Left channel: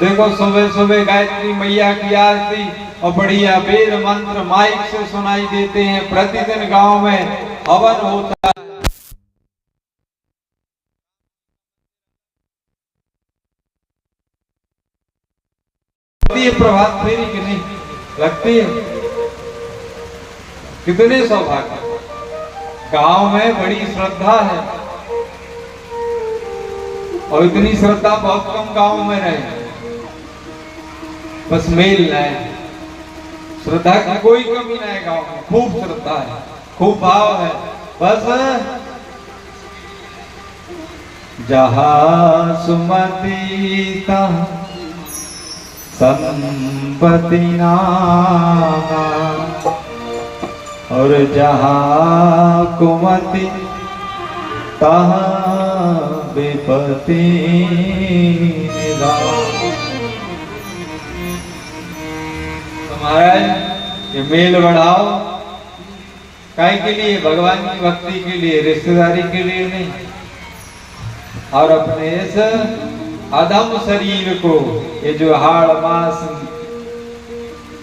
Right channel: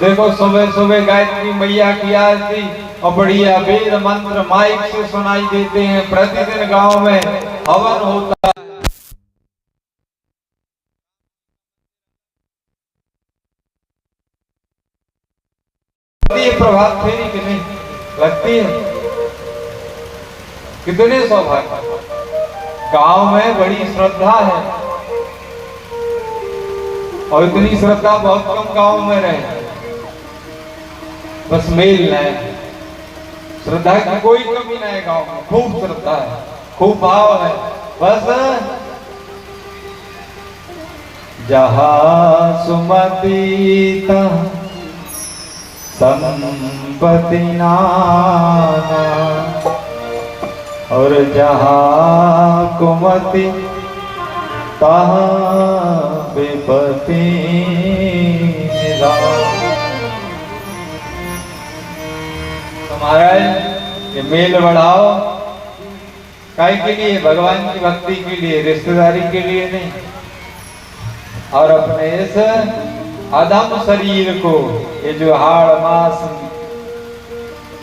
देखो सुबह सुबह गायत्री मैया की आरती और बढ़िया वेद मंत्र माइक से सुनाई देते हैं। प्रतिदिन गांव में हवन होता है। प्रभात फेरी की नहीं लगती है? कितने सौभाग्य। गांव में बड़ी श्रद्धा है और इतनी श्रद्धा बहुत कम गांव में रहे। बस मेल न है, श्रद्धा की कोई कमी ना है। गांव में खूब श्रद्धा है, खूब भाव है। बस जहाँ सुमति तहाँ संपत्ति नाना और जहाँ कुमति तहाँ विपत्ति निधान। तो महाराज ये मेल बढ़ाओ काय के लिए? भगवान की भक्ति के लिए, रिश्तेदारी के लिए नहीं। और अपने इस अधम शरीर को, ये जो हाड़ मांस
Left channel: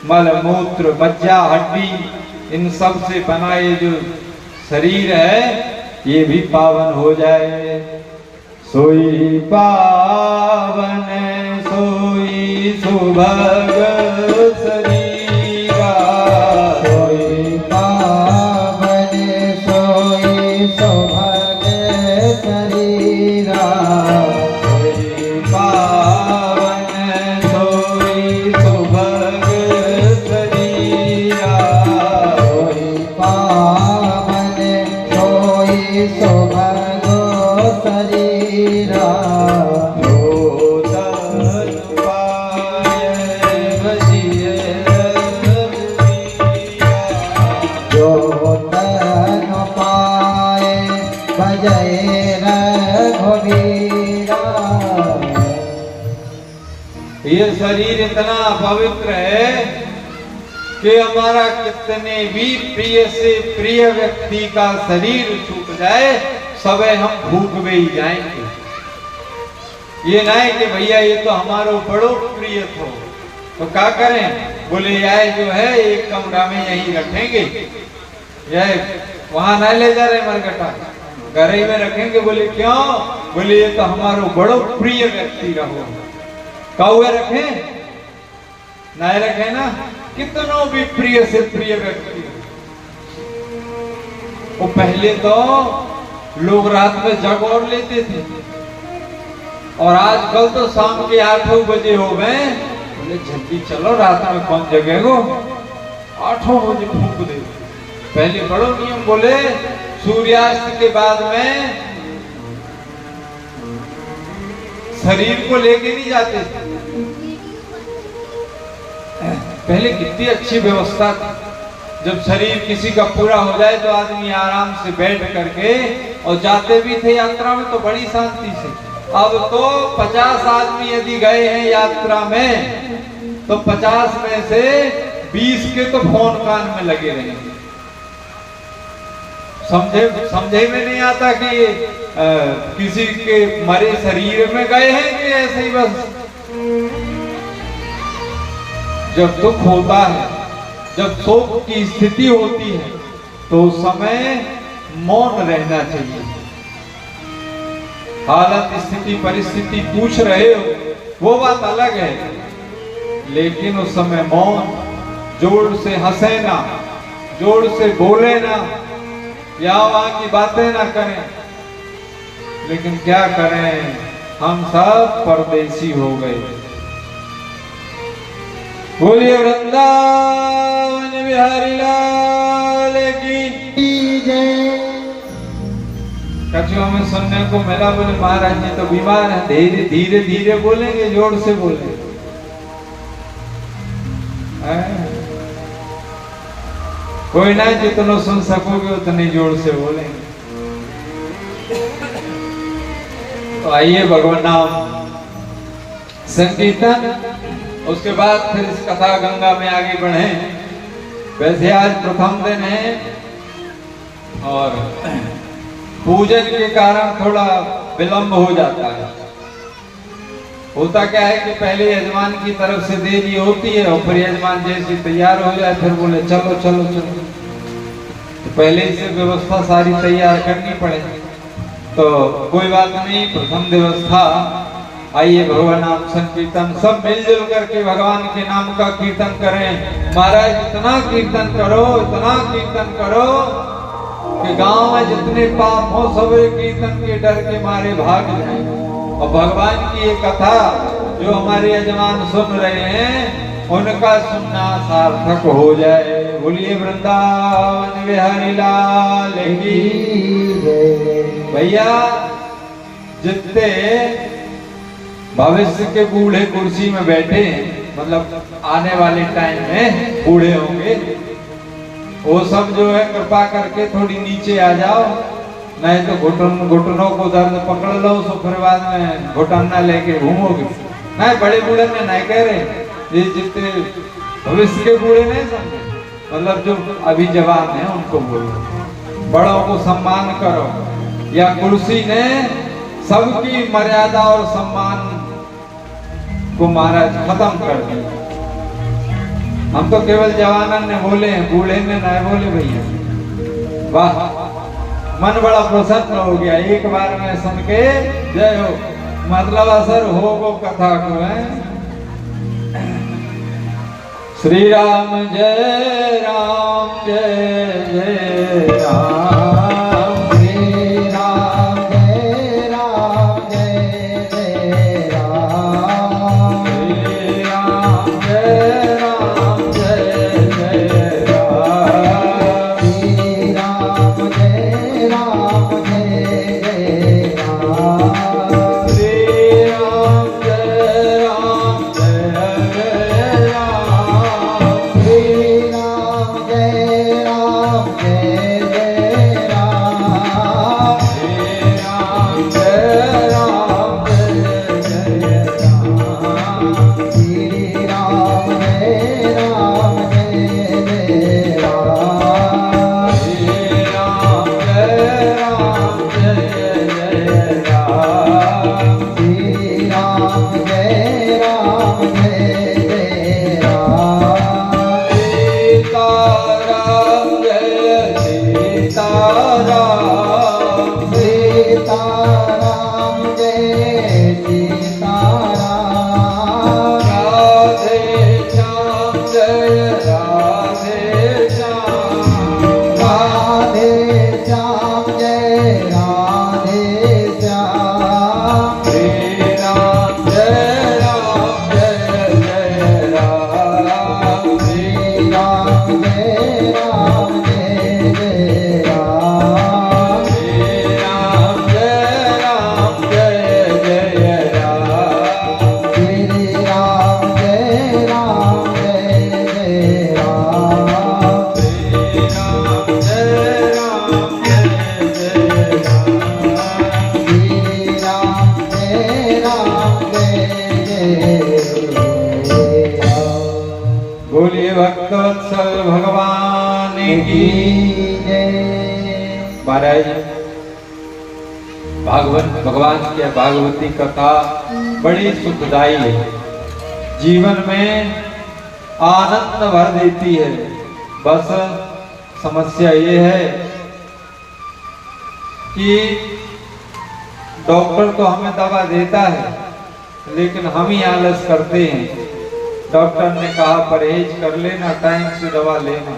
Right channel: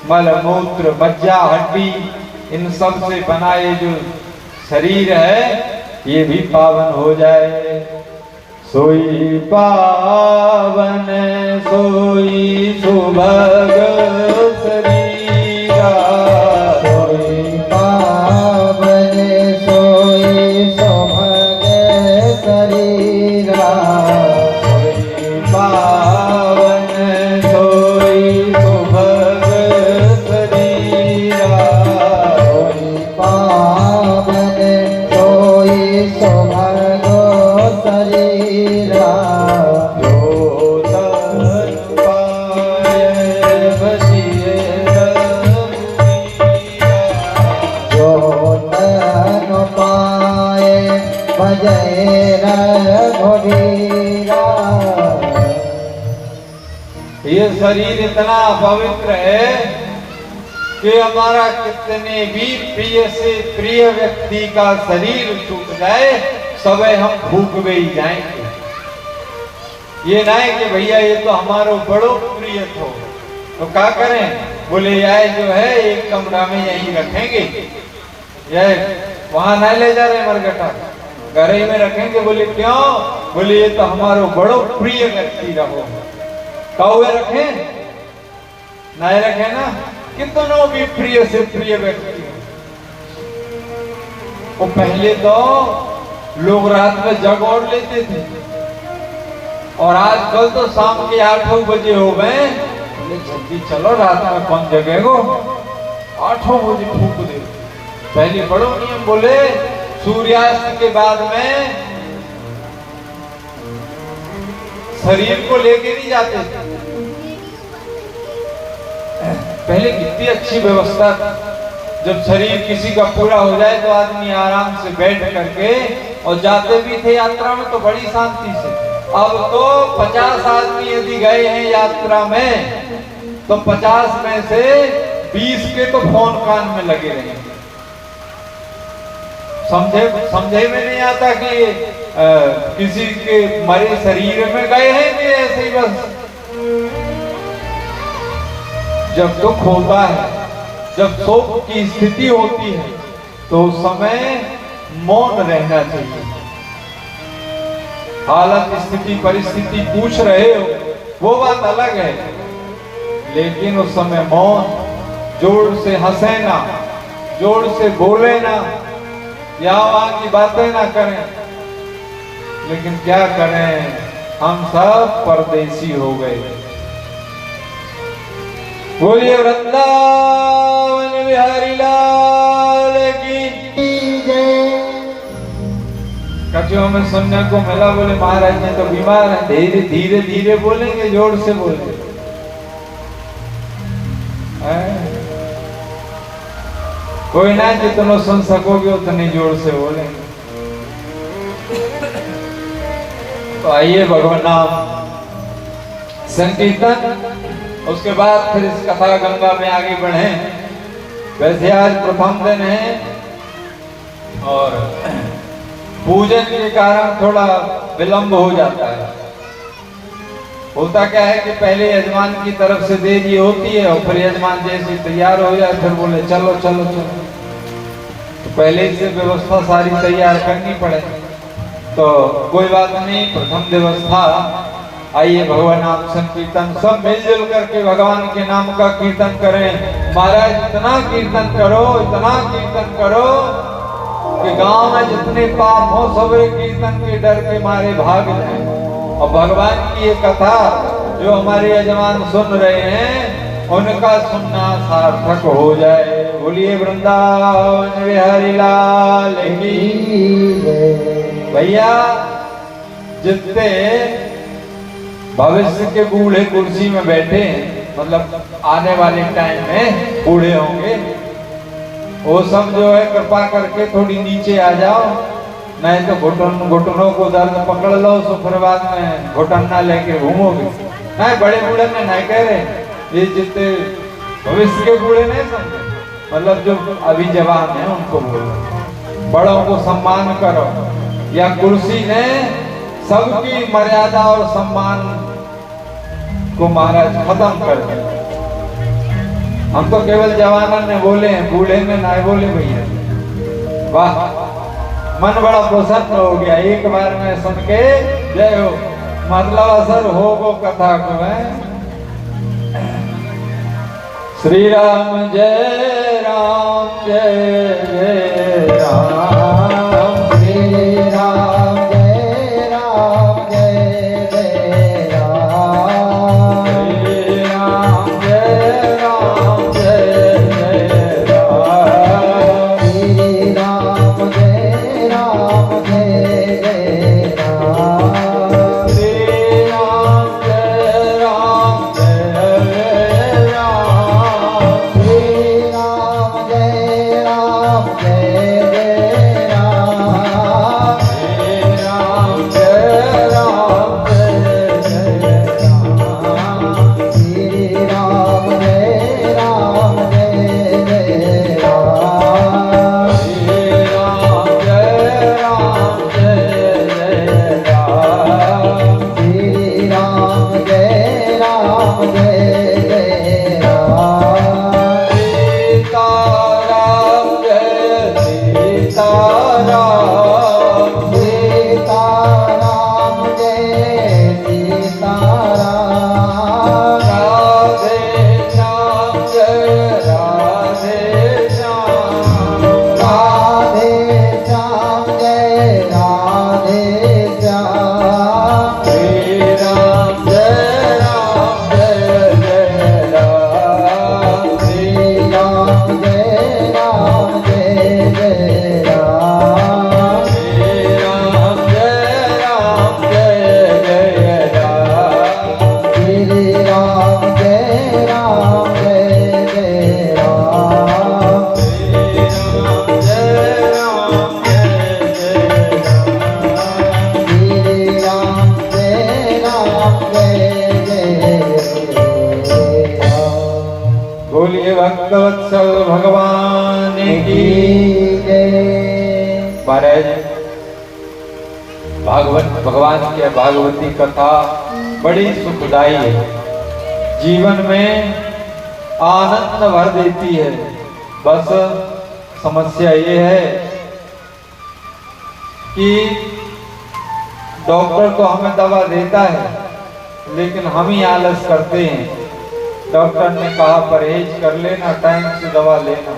मल मूत्र मज्जा हड्डी इन सब से बना ये जो शरीर है, ये भी पावन हो जाए। सोई पावन सोई सुभग शरीरा, सोई पावन सोई सुभग शरीरा, सोई पावन सोई सुभग शरीरा, सोई पावन सोई सुभग शरीरा, ये शरीर इतना पवित्र है कि हमारा कितने भी प्रिय से प्रिय व्यक्ति का शरीर छूट जाए, सबे हम भूख में ही जाएंगे। ये नहीं कि भैया ये तो हमारो बड़ो प्रिय थो, तो क्या करें? बोले यार जो है एक कमरा में यहीं रखेंगे, यह वहां नहीं ले जा रहे मरगटा, घर ही में रखेंगे। बोले क्यों? बोले ये तो हमारो बड़ो प्रिय व्यक्ति रहो। कौवे रखे नहीं रखे ना, कितनों भी प्रिय से प्रिय व्यक्ति। वो पहले तो लोग रात में जग और लेते थे, और आजकल तो शाम के 8 बजे हो गए। बोले जल्दी चलो, रात में कौन जगेगो, 8 बजे फूंक दे। पहले बड़ो नियम, बोले सूर्यास्त के बाद में शरीर को लेके नहीं जाते थे। पहले कितनी अच्छी व्यवस्था थी। जब शरीर किसी का पूरा हो जाए तो आदमी आराम से बैठ करके और जाते भी थे यात्रा में तो बड़ी शांति से। अब तो 50 आदमी यदि गए हैं यात्रा में तो 50 में से 20 के तो फोन कान में लगे रहेंगे। समझे में नहीं आता कि किसी के मरे शरीर में गए हैं कि ऐसे ही बस। जब दुख होता है, जब शोक की स्थिति होती है, तो उस समय मौन रहना चाहिए। हालत स्थिति परिस्थिति पूछ रहे हो वो बात अलग है, लेकिन उस समय मौन, जोर से हंसे ना, जोर से बोले ना, या वहां की बातें ना करें। लेकिन क्या करें, हम सब परदेसी हो गए। बोलिए वृंदावन बिहारी लाल की जय। कचो हमें सुनने को मिला, बोले महाराज जी तो बीमार है। धीरे धीरे धीरे बोलेंगे, जोर से बोलेंगे। कोई ना, जितना सुन सकोगे उतनी जोर से बोलेंगे। तो आइए भगवान नाम संकीर्तन, उसके बाद फिर इस कथा गंगा में आगे बढ़े। वैसे आज प्रथम दिन है और पूजन के कारण थोड़ा विलंब हो जाता है। होता क्या है कि पहले यजमान की तरफ से देरी होती है और फिर यजमान जैसे तैयार हो जाए फिर बोले चलो चलो चलो, तो पहले से व्यवस्था सारी तैयार करनी पड़े। तो कोई बात नहीं, प्रथम व्यवस्था आइए भगवान नाम संकीर्तन सब मिलजुल करके भगवान के नाम का कीर्तन करें। महाराज इतना कीर्तन करो, इतना कीर्तन करो कि गांव में जितने पाप हो सब कीर्तन के डर के मारे भाग जाए। और भगवान की ये कथा जो हमारे यजमान सुन रहे हैं उनका सुनना सार्थक हो जाए। बोलिए वृंदावन बिहारी लाल की भैया। जितने भविष्य के बूढ़े कुर्सी में बैठे हैं, मतलब आने वाले टाइम में बूढ़े होंगे, वो सब जो है कृपा करके थोड़ी नीचे आ जाओ, नहीं तो घुटनों को दर्द पकड़ लो, सो फिर बाद में घुटन ना लेके घूमोगे। नहीं, बड़े बूढ़े में नहीं कह रहे, ये जितने भविष्य के बूढ़े नहीं समझे, मतलब जो अभी जवान है उनको बोलो बड़ों को सम्मान करो। या कुर्सी ने सबकी मर्यादा और सम्मान को महाराज खत्म कर दिया। हम तो केवल जवानन ने बोले हैं, बूढ़े ने ना बोले भैया। वाह, मन बड़ा प्रसन्न हो गया एक बार में सुन के। जय हो, मतलब असर हो वो कथा को है। श्री राम जय राम जय जय राम। भक्तवत्सल भगवान की जय। महाराज भागवत भगवान की भागवती कथा बड़ी सुखदायी है, जीवन में आनंद भर देती है। बस समस्या ये है कि डॉक्टर तो हमें दवा देता है लेकिन हम ही आलस करते हैं। डॉक्टर ने कहा परहेज कर लेना, टाइम से दवा लेना,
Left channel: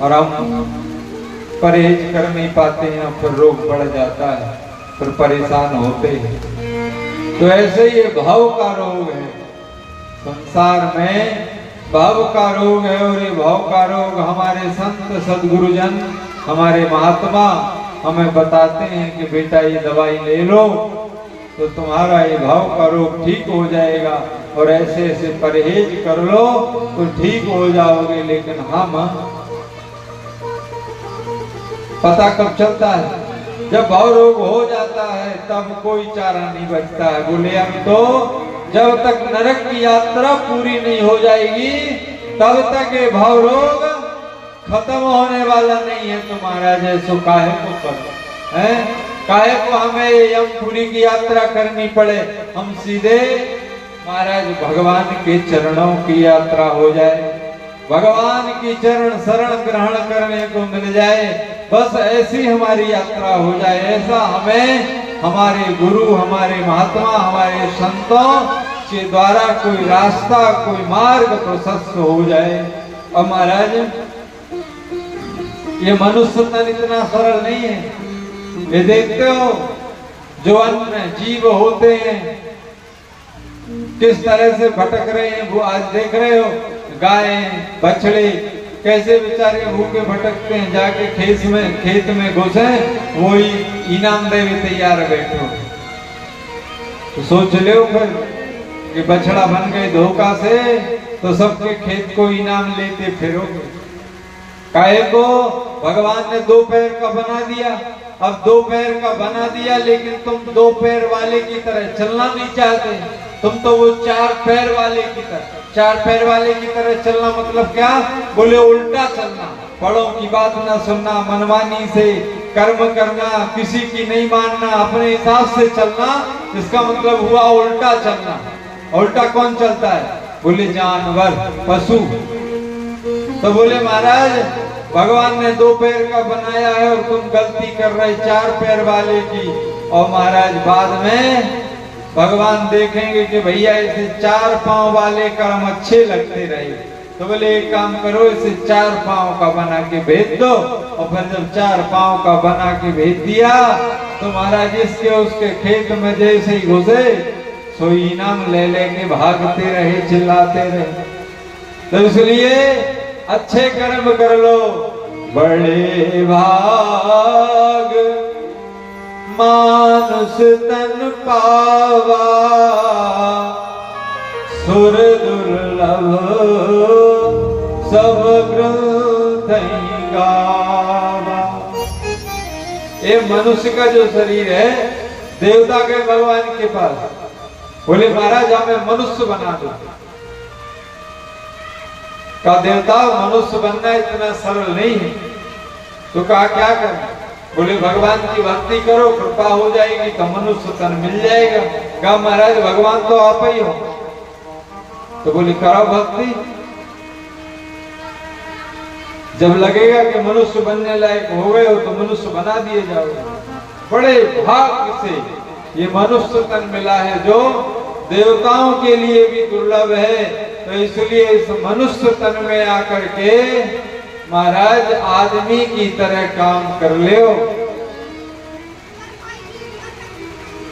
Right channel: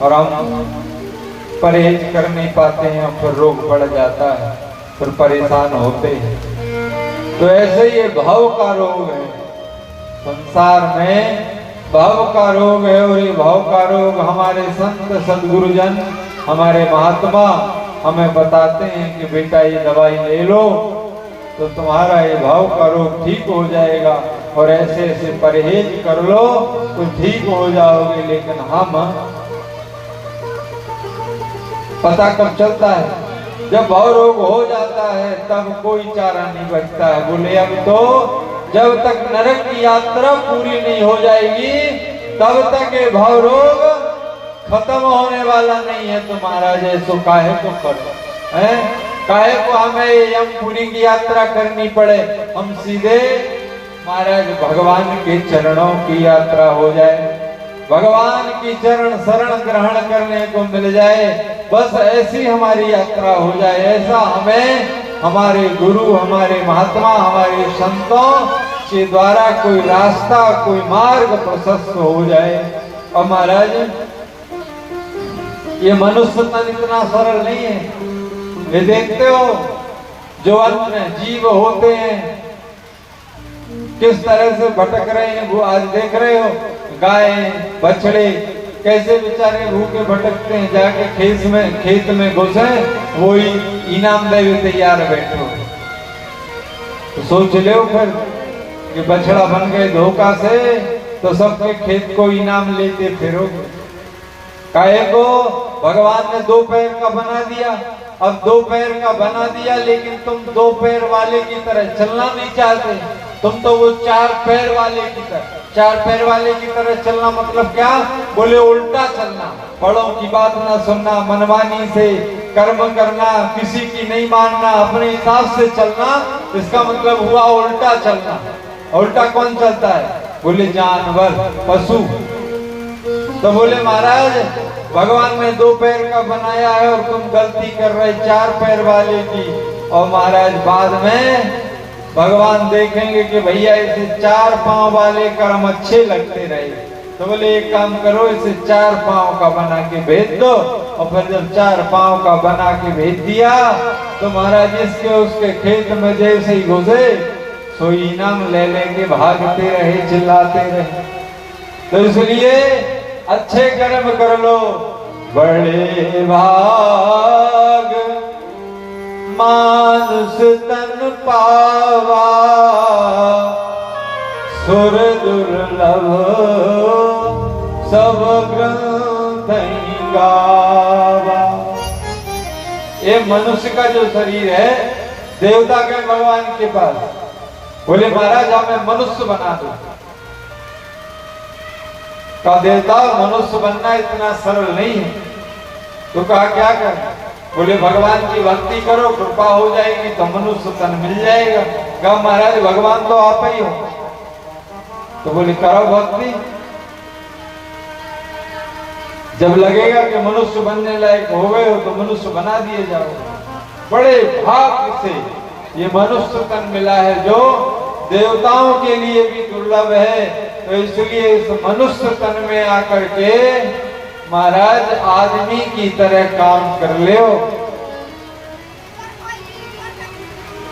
और हम परहेज कर नहीं पाते हैं, फिर रोग बढ़ जाता है, फिर परेशान होते हैं। तो ऐसे ये भाव का रोग है, संसार में भाव का रोग है। और ये भाव का रोग हमारे संत सदगुरुजन, हमारे महात्मा हमें बताते हैं कि बेटा ये दवाई ले लो तो तुम्हारा ये भाव का रोग ठीक हो जाएगा, और ऐसे ऐसे परहेज कर लो तो ठीक हो जाओगे। लेकिन हम पता कब चलता है, जब भाव रोग हो जाता है तब कोई चारा नहीं बचता है। बोले अब तो जब तक नरक की यात्रा पूरी नहीं हो जाएगी तब तक ये भाव रोग खत्म होने वाला नहीं है। तुम्हारा जैसो काहे को करो है, काहे को हमें यमपुरी की यात्रा करनी पड़े, हम सीधे महाराज भगवान के चरणों की यात्रा हो जाए, भगवान की चरण शरण ग्रहण करने को मिल जाए, बस ऐसी हमारी यात्रा हो जाए। ऐसा हमें हमारे गुरु, हमारे महात्मा, हमारे संतों के द्वारा कोई रास्ता, कोई मार्ग प्रशस्त हो जाए। और महाराज ये मनुष्य तन इतना सरल नहीं है। ये देखते हो जो अन्य जीव होते हैं किस तरह से भटक रहे हैं, वो आज देख रहे हो गाय बछड़े कैसे बेचारे भूखे भटकते हैं, जाके खेत में घुसे वही इनाम देवे तैयार बैठो। तो सोच लो फिर कि बछड़ा बन गए धोखा से तो सबके खेत को इनाम लेते फिरोगे। काहे को भगवान ने दो पैर का बना दिया, अब दो पैर का बना दिया लेकिन तुम दो पैर वाले की तरह चलना नहीं चाहते, तुम तो वो चार पैर वाले की तरह, चार पैर वाले की तरह चलना मतलब क्या, बोले उल्टा चलना, बड़ों की बात ना सुनना, मनमानी से कर्म करना, किसी की नहीं मानना, अपने हिसाब से चलना, इसका मतलब हुआ उल्टा चलना। उल्टा कौन चलता है, बोले जानवर पशु। तो बोले महाराज भगवान ने दो पैर का बनाया है और तुम गलती कर रहे चार पैर वाले की। और महाराज बाद में भगवान देखेंगे कि भैया इसे चार पांव वाले कर्म अच्छे लगते रहे, तो बोले एक काम करो इसे चार पांव का बना के भेज दो। और फिर जब चार पांव का बना के भेज दिया तो महाराज इसके उसके खेत में जैसे ही घुसे सो इनाम ले लेके भागते रहे, चिल्लाते रहे। तो इसलिए अच्छे कर्म कर लो, बड़े भाग मानुष तन पावा, सुर दुर्लभ सब ग्रंथ गावा। ये मनुष्य का जो शरीर है देवता के भगवान के पास, बोले महाराज हमें मनुष्य बना दो। का देवता मनुष्य बनना इतना सरल नहीं है। तो कहा क्या करना, बोले भगवान की भक्ति करो, कृपा हो जाएगी तो मनुष्य तन मिल जाएगा। कहा महाराज भगवान तो आप ही हो। तो बोले करो भक्ति, जब लगेगा कि मनुष्य बनने लायक हो गए हो तो मनुष्य बना दिए जाओ। बड़े भाग्य से ये मनुष्य तन मिला है जो देवताओं के लिए भी दुर्लभ है। तो इसलिए इस मनुष्य तन में आकर के महाराज आदमी की तरह काम कर ले,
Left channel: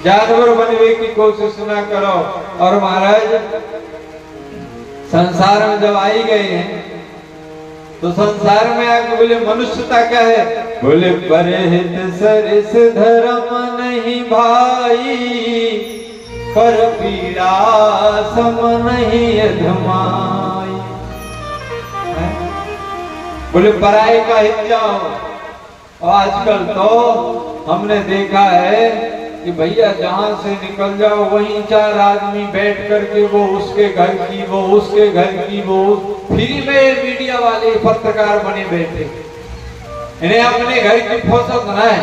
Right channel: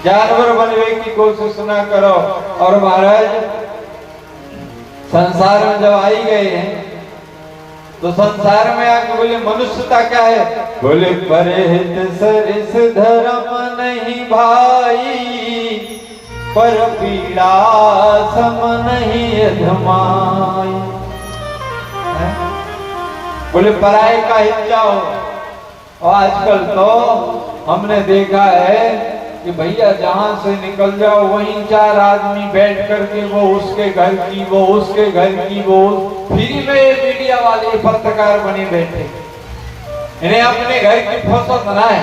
जानवर बनने की कोशिश ना करो। और महाराज संसार में जब आई गए हैं तो संसार में आके बोले मनुष्यता क्या है, बोले परहित सरिस धर्म नहीं भाई, पर पीड़ा सम नहीं अधमाई। बोले पराये का हित जाओ। और आजकल तो हमने देखा है कि भैया जहां से निकल जाओ वहीं चार आदमी बैठ करके वो उसके घर की, वो उसके घर की, वो फ्री में मीडिया वाले पत्रकार बने बैठे। इन्हें अपने घर की फुर्सत न है,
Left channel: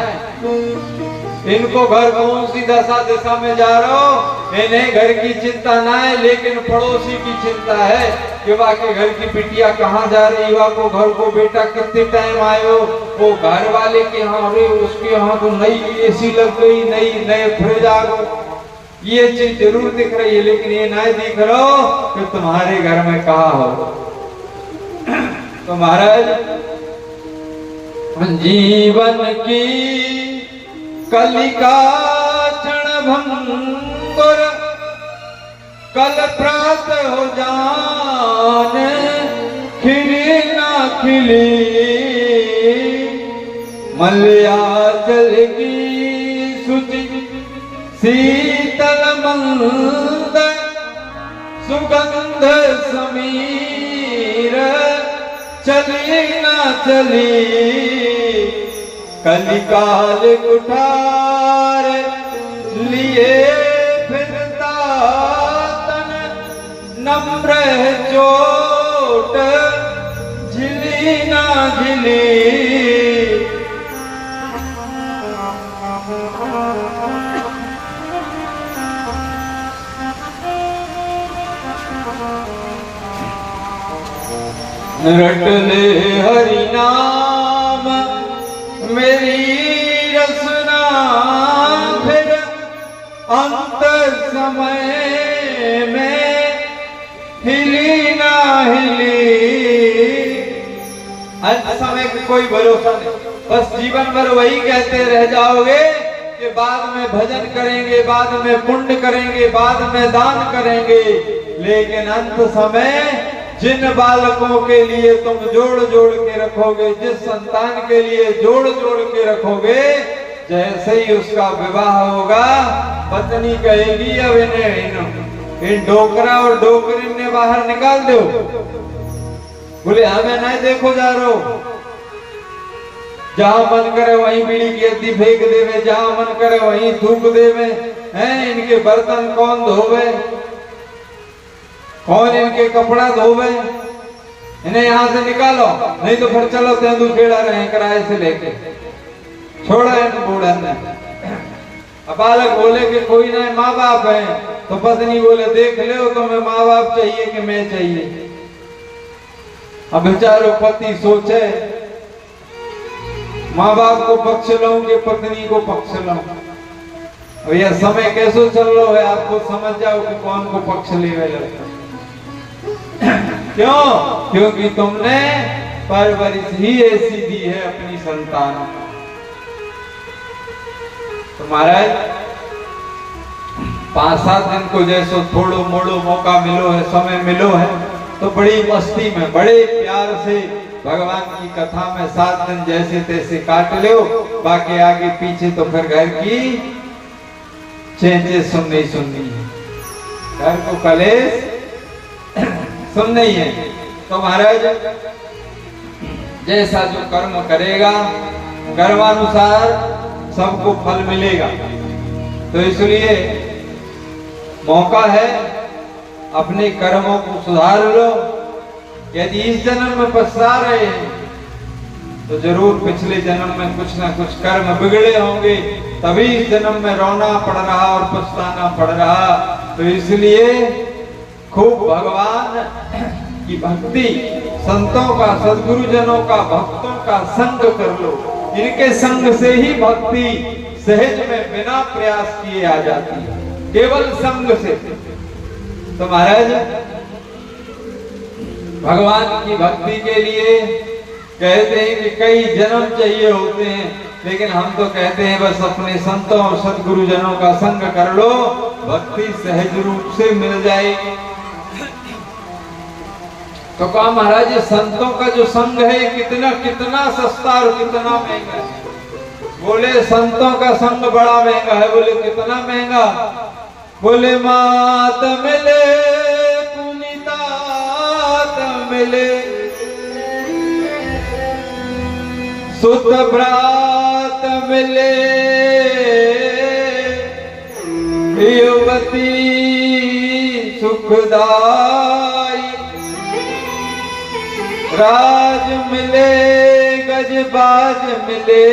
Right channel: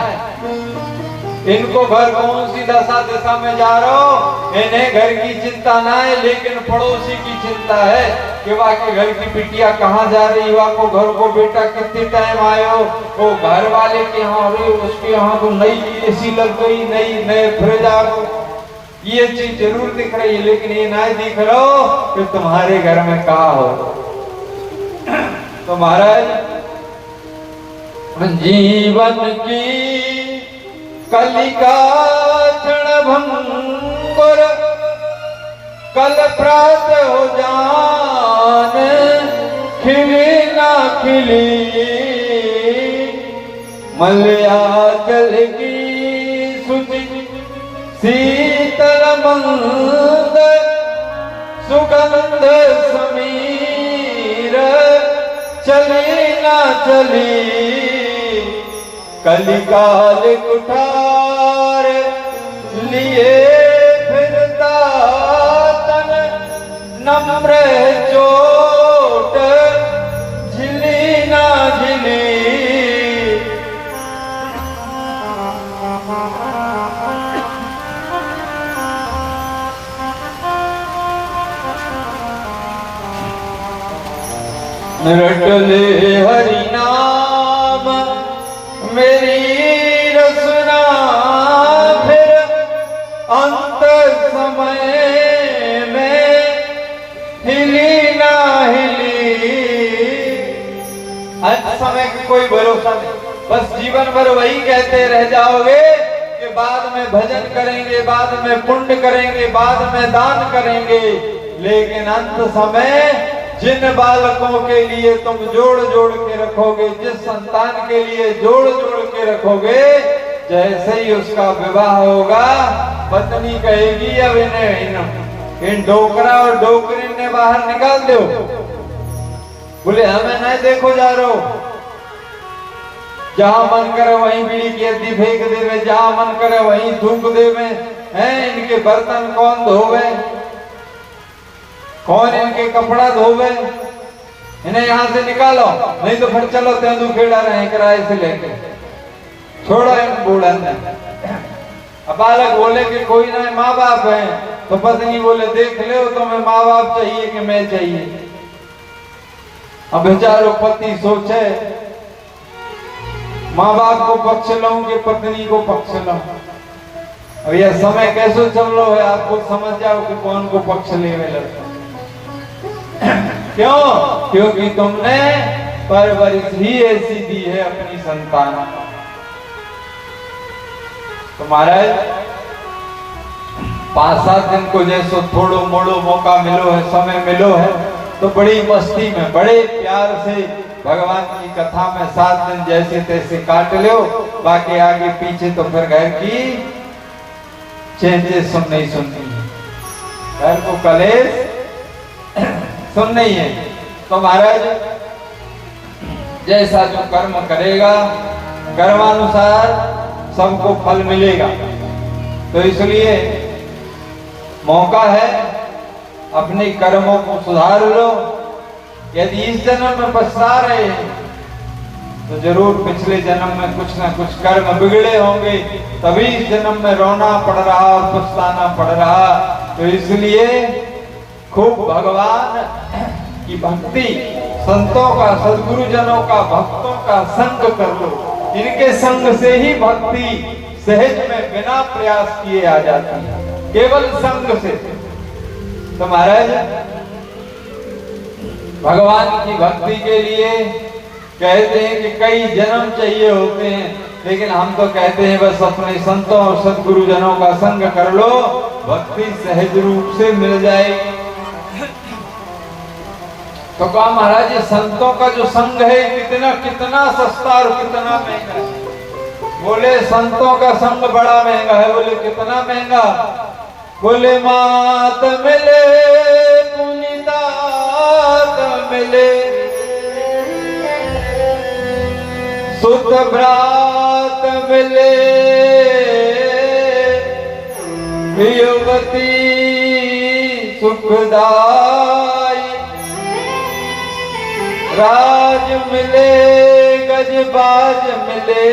इनको घर कौन सी दशा में जा रहा हो इन्हें घर की चिंता ना है, लेकिन पड़ोसी की चिंता है कि वाके घर की बिटिया कहाँ जा रही हो, को घर को बेटा कितने टाइम आए हो, वो घर वाले के यहाँ, अरे उसके यहाँ तो नई एसी लग गई, नए फ्रिज आ गए। ये चीज जरूर दिख रही है लेकिन ये ना दिख रहा हो कि तुम्हारे घर में कहा हो। तो महाराज जीवन की कलिका क्षण भंगुर, कल प्रात हो जान खिली ना खिली, मलयाचल की सुचि शीतल मंद, सुगंध समीर चली ना चली, कलिकाल कुठार लिए फिरता तन, नम्र चोट झिली ना झिली। रटले हरि नाम मेरी रसना, फिर अंत समय में हिली ना हिली। अंत समय का कोई भरोसा नहीं, बस जीवन भर वही कहते रह जाओगे कि बाद में भजन करेंगे, बाद में पुण्य करेंगे, बाद में दान करेंगे, लेकिन अंत समय जिन बालकों के लिए तुम जोड़ जोड़ के रखोगे, जिस संतान के लिए जोड़ जोड़ के रखोगे, जैसे ही उसका विवाह होगा पत्नी कहेगी अब इन्हें इन डोकरा और डोकरी ने बाहर निकाल दो। बोले हमें नहीं देखो जा रहे हो, जहां मन करे वहीं बीड़ी की अद्दी फेंक देवे, जहां मन करे वहीं थूक देवे हैं। इनके बर्तन कौन धोवे, कौन इनके कपड़ा धोवे, इन्हें यहां से निकालो, नहीं तो फिर चलो तेंदुखेड़ा रहे किराए से लेके। छोड़ा इन बूढ़न ने। अब बालक बोले कि कोई नहीं, माँ बाप है, तो पत्नी बोले देख लो तुम्हें माँ बाप चाहिए कि मैं चाहिए। अब बेचारो पति सोचे माँ बाप को पक्ष लूं कि पत्नी को पक्ष लूं। और यह समय कैसे चल रहा है आपको समझ जाओ कि कौन को पक्ष ले लगता। क्यों? क्योंकि तुमने परवरिश ही ऐसी दी है अपनी संतान को। तो महाराज 5-7 दिन को जैसो थोड़ो मोड़ो मौका मिलो है, समय मिलो है, तो बड़ी मस्ती में बड़े प्यार से भगवान की कथा में 7 दिन जैसे तैसे काट लो। बाकी आगे पीछे तो फिर घर की चेंजेस सुननी है, घर को कलेश सुनना ही है। तो महाराज जैसा जो कर्म करेगा कर्मानुसार सबको फल मिलेगा। तो इसलिए मौका है अपने कर्मों को सुधार लो। यदि इस जन्म में पछता रहे तो जरूर पिछले जन्म में कुछ ना कुछ कर्म बिगड़े होंगे, तभी इस जन्म में रोना पड़ रहा और पछताना पड़ रहा। तो इसलिए खूब भगवान की भक्ति, संतों का, सद्गुरुजनों का, भक्तों का संग कर लो। इनके संग से ही भक्ति सहज में बिना प्रयास किए आ जाती है, केवल संग से। तो महाराज भगवान की भक्ति के लिए कहते हैं कि कई जन्म चाहिए होते हैं, लेकिन हम तो कहते हैं बस अपने संतों और सद्गुरुजनों का संग कर लो, भक्ति सहज रूप से मिल जाएगी। तो कहा महाराज ये संतों का जो संग है कितना कितना सस्ता और कितना महंगा है। बोले संतों का संग बड़ा महंगा है। बोले कितना महंगा? बोले मात मिले पुनीतात मिले, सुत भ्रात मिले, युवती सुखदाई, राज मिले गजबाज मिले,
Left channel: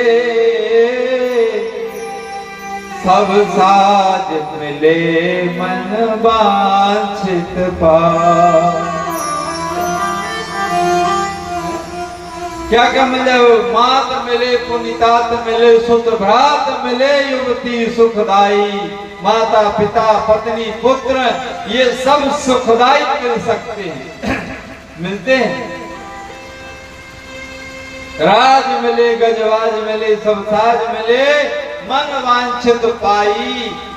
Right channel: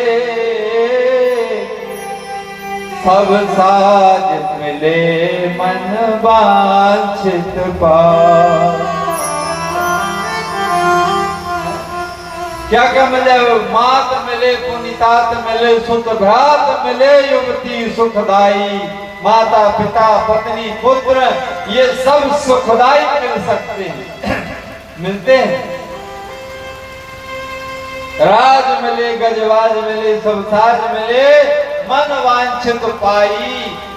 सब साज मिले मन वांछित पाए। क्या क्या मिले? मात मिले पुनीतात मिले, सुत भ्रात मिले, युवती सुखदाई। माता पिता पत्नी पुत्र ये सब सुखदाई मिल सकते हैं, मिलते हैं। राज मिले गजवाज मिले, सब साज मिले, मन वांछित पाई।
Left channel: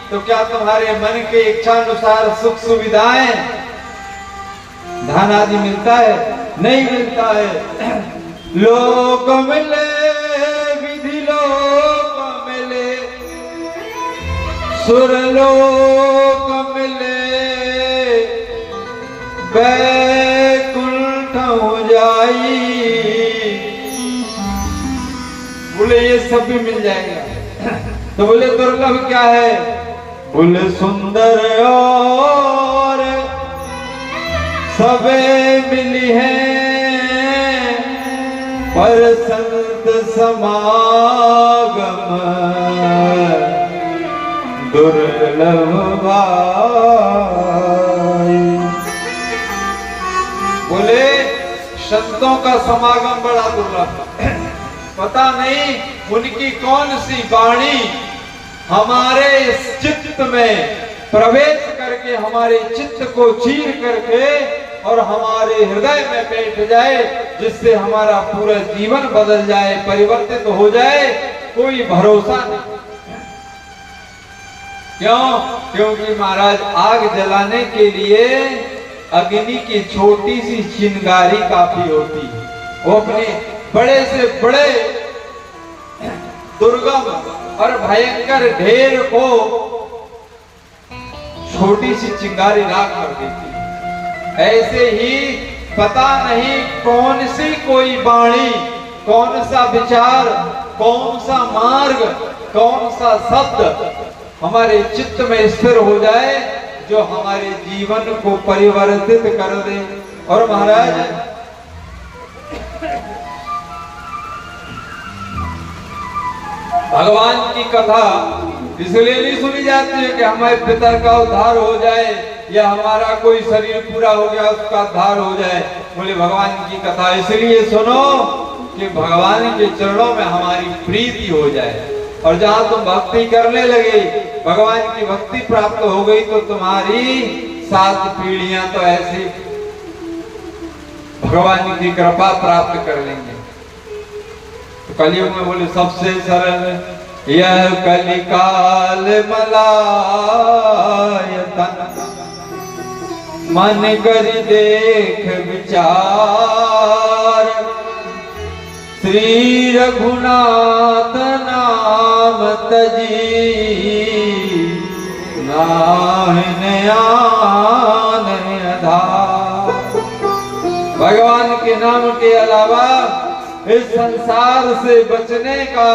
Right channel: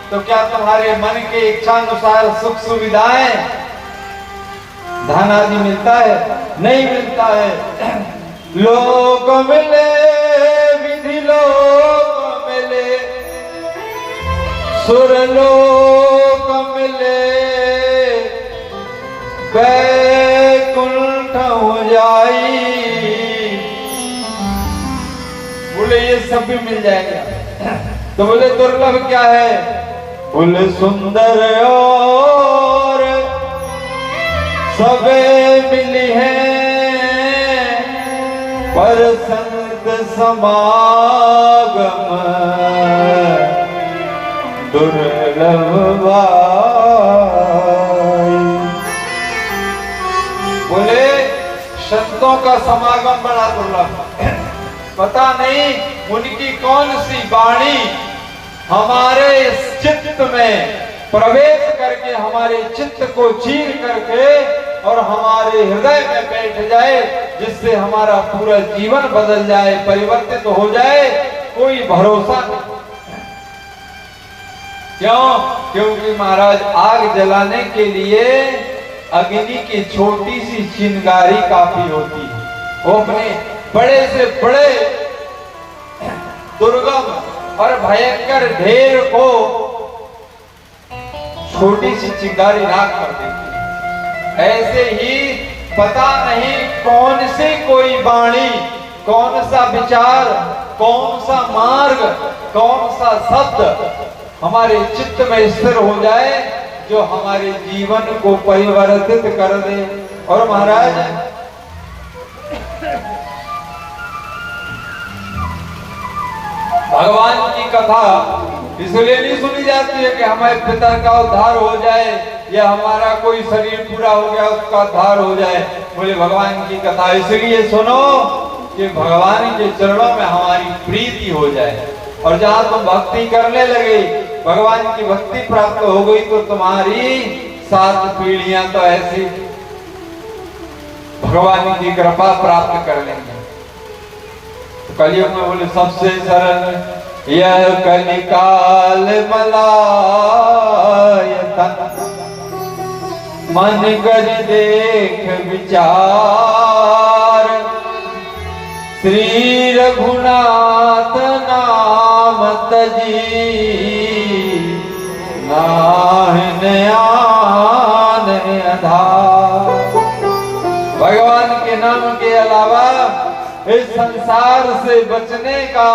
तो क्या तुम्हारे मन के इच्छानुसार सुख सुविधाएं धन आदि मिलता है? नहीं मिलता है। लोक मिले विधि लोक मिले, सुर लोक मिले, बैकुंठ जाई। बोले ये सब भी मिल जाएगा। तो बोले दुर्लभ क्या है? बोले सुंदर और सबे मिली है, पर संत समागम दुर्लभ भाई। बोले संतों का समागम बड़ा दुर्लभ है। पता नहीं उनकी कौन सी वाणी हमारे इस चित्त में प्रवेश करके हमारे चित्त को चीर करके और हमारे हृदय में बैठ जाए, जिससे हमारा पूरा जीवन बदल जाए, परिवर्तित हो जाए, कोई भरोसा नहीं। क्यों? क्योंकि महाराज आग जलाने के लिए अग्नि की छोटी सी चिंगारी काफी होती है। वो अपने बड़े से बड़े दुर्गम और भयंकर ढेर को छोटी सी चिंगारी राख कर देती है। ऐसे ही पता नहीं कौन सी कोई वाणी, कौन सा विचार, कौन सा मार्ग, कौन सा शब्द हमारे चित्त में स्थिर हो जाए जो हमारे जीवन को परिवर्तित कर दे। और महाराज भगवान की कथा इसलिए नहीं सुनी जाती है कि हमारे पिता का उद्धार हो जाए या हमारा कोई शरीर पूरा हो गया उसका उद्धार हो जाए। बोले भगवान की कथा इसलिए सुनो कि भगवान के चरणों में हमारी प्रीति हो जाए, और जहां तुम भक्ति करने लगे, भगवान की भक्ति प्राप्त हो गई, तो तुम्हारी 7 पीढ़ियां तो ऐसे भगवान की कृपा प्राप्त कर लेंगे। तो कलियुग में बोले सबसे सरल यह कलिकाल मलायतन, मन कर देख विचार, श्री रघुनाथ नाम तजी, नाहन आन आधार। भगवान के नाम के अलावा इस संसार से बचने का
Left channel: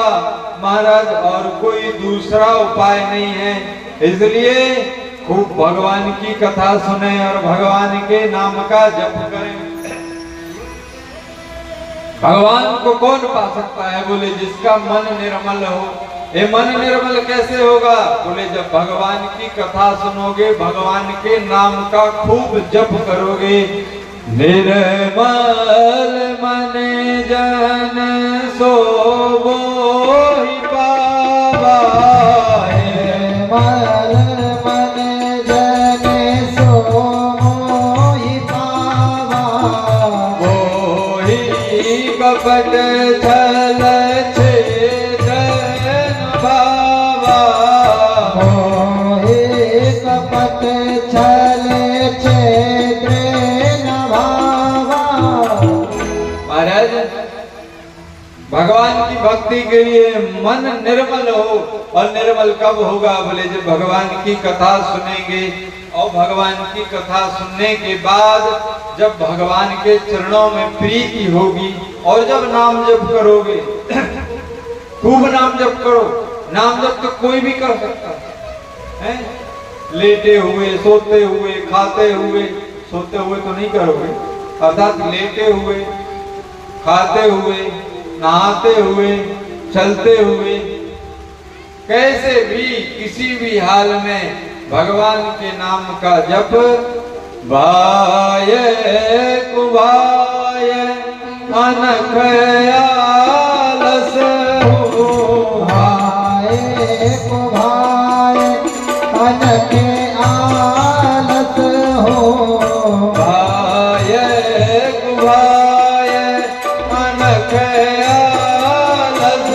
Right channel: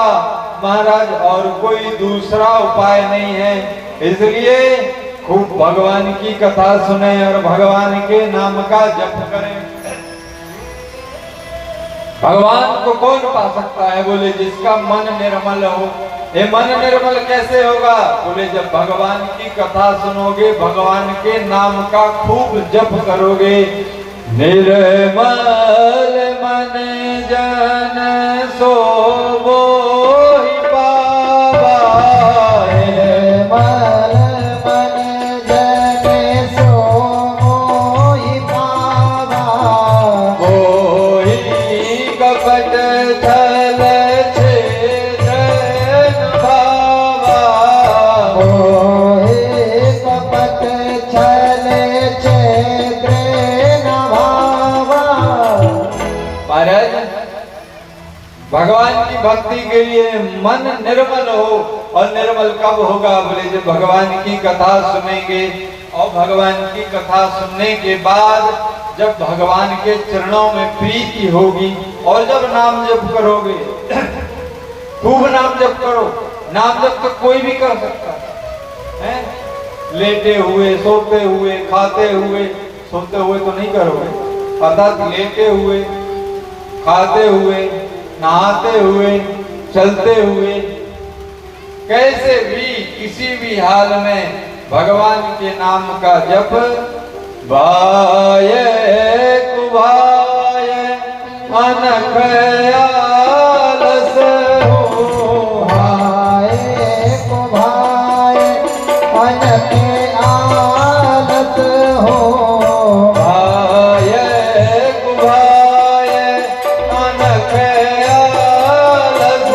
महाराज और कोई दूसरा उपाय नहीं है। इसलिए खूब भगवान की कथा सुने और भगवान के नाम का जप करें। भगवान को कौन पा सकता है? बोले जिसका मन निर्मल हो। ये मन निर्मल कैसे होगा? बोले जब भगवान की कथा सुनोगे, भगवान के नाम का खूब जप करोगे। निर्मल मन जन सोवो ही पावा, निर्मल मन जन सोवो ही पावा, मोहि कपट छल छेदन भावा, मोहि कपट छल छेदन भावा। महाराज भगवान की भक्ति के लिए मन निर्मल हो, और निर्मल कब होगा? बोले जब भगवान की कथा सुनेंगे, और भगवान की कथा सुनने के बाद जब भगवान के चरणों में प्रीति होगी, और जब नाम जप करोगे, खूब नाम जप करो। नाम जप तो कोई भी कर सकता है, लेटे हुए, सोते हुए, खाते हुए, सोते हुए तो नहीं करोगे, अर्थात लेटे हुए, खाते हुए, नहाते हुए, चलते हुए, कैसे भी किसी भी हाल में भगवान के नाम का जप। भाय कुभाय अनख आलस हो, भाय कुभाय अनख आलस हो, भाय कुभाय अनख आलस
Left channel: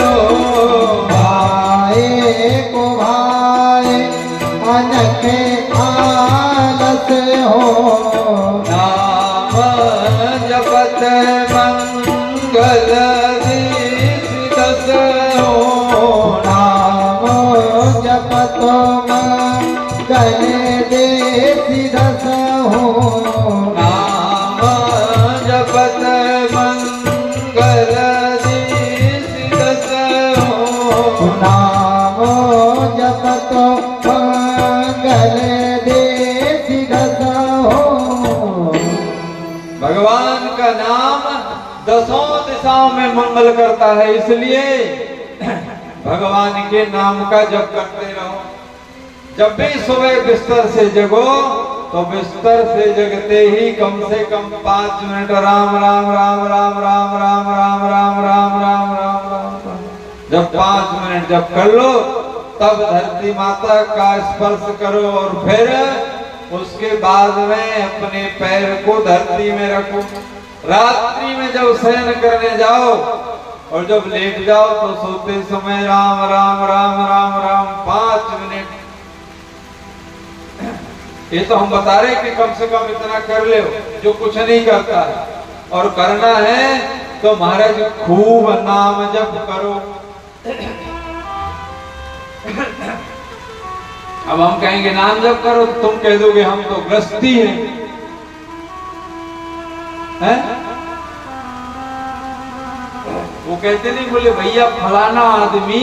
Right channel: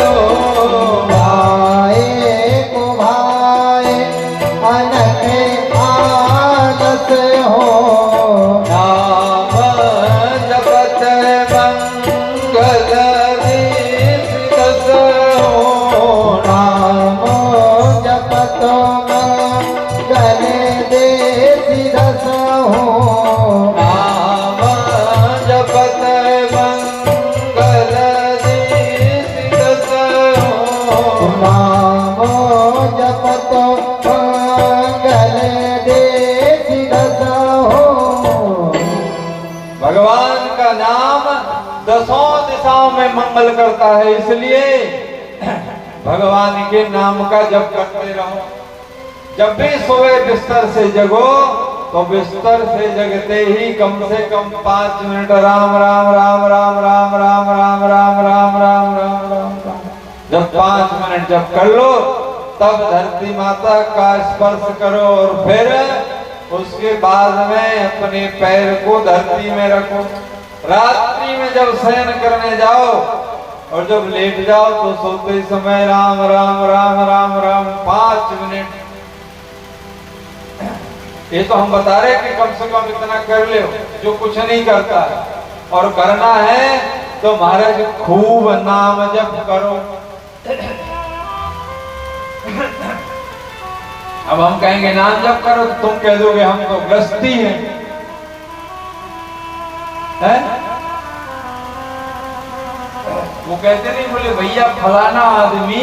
हो, भाय कुभाय अनख आलस हो। नाम जपत मंगल दस हो, नाम जपत मंगल दस हो, नाम जपत मंगल दस हो, नाम जपत मंगल दस हो। भगवान का नाम 10 दिशाओं में मंगल करता है, इसलिए भगवान के नाम का जप करते रहो। जब भी सोए बिस्तर से जगो तो बिस्तर से जगते ही कम से कम 5 मिनट राम राम राम राम राम राम राम राम राम राम राम राम। जब 5 मिनट जब कर लो तब धरती माता का स्पर्श करो और फिर उसके बाद में अपने पैर को धरती में रखो। रात्रि में जब शयन करने जाओ और जब लेट जाओ तो सोते समय राम राम राम राम राम 5 मिनट। ये तो हम बता रहे कि कम से कम इतना कर ले जो कुछ नहीं करता है। और करना है तो महाराज खूब नाम जप करो। अब हम कहेंगे नाम जप करो तो तुम कह दोगे हम तो ग्रस्ती हैं है? वो कहते नहीं, बोले भैया फलाना आदमी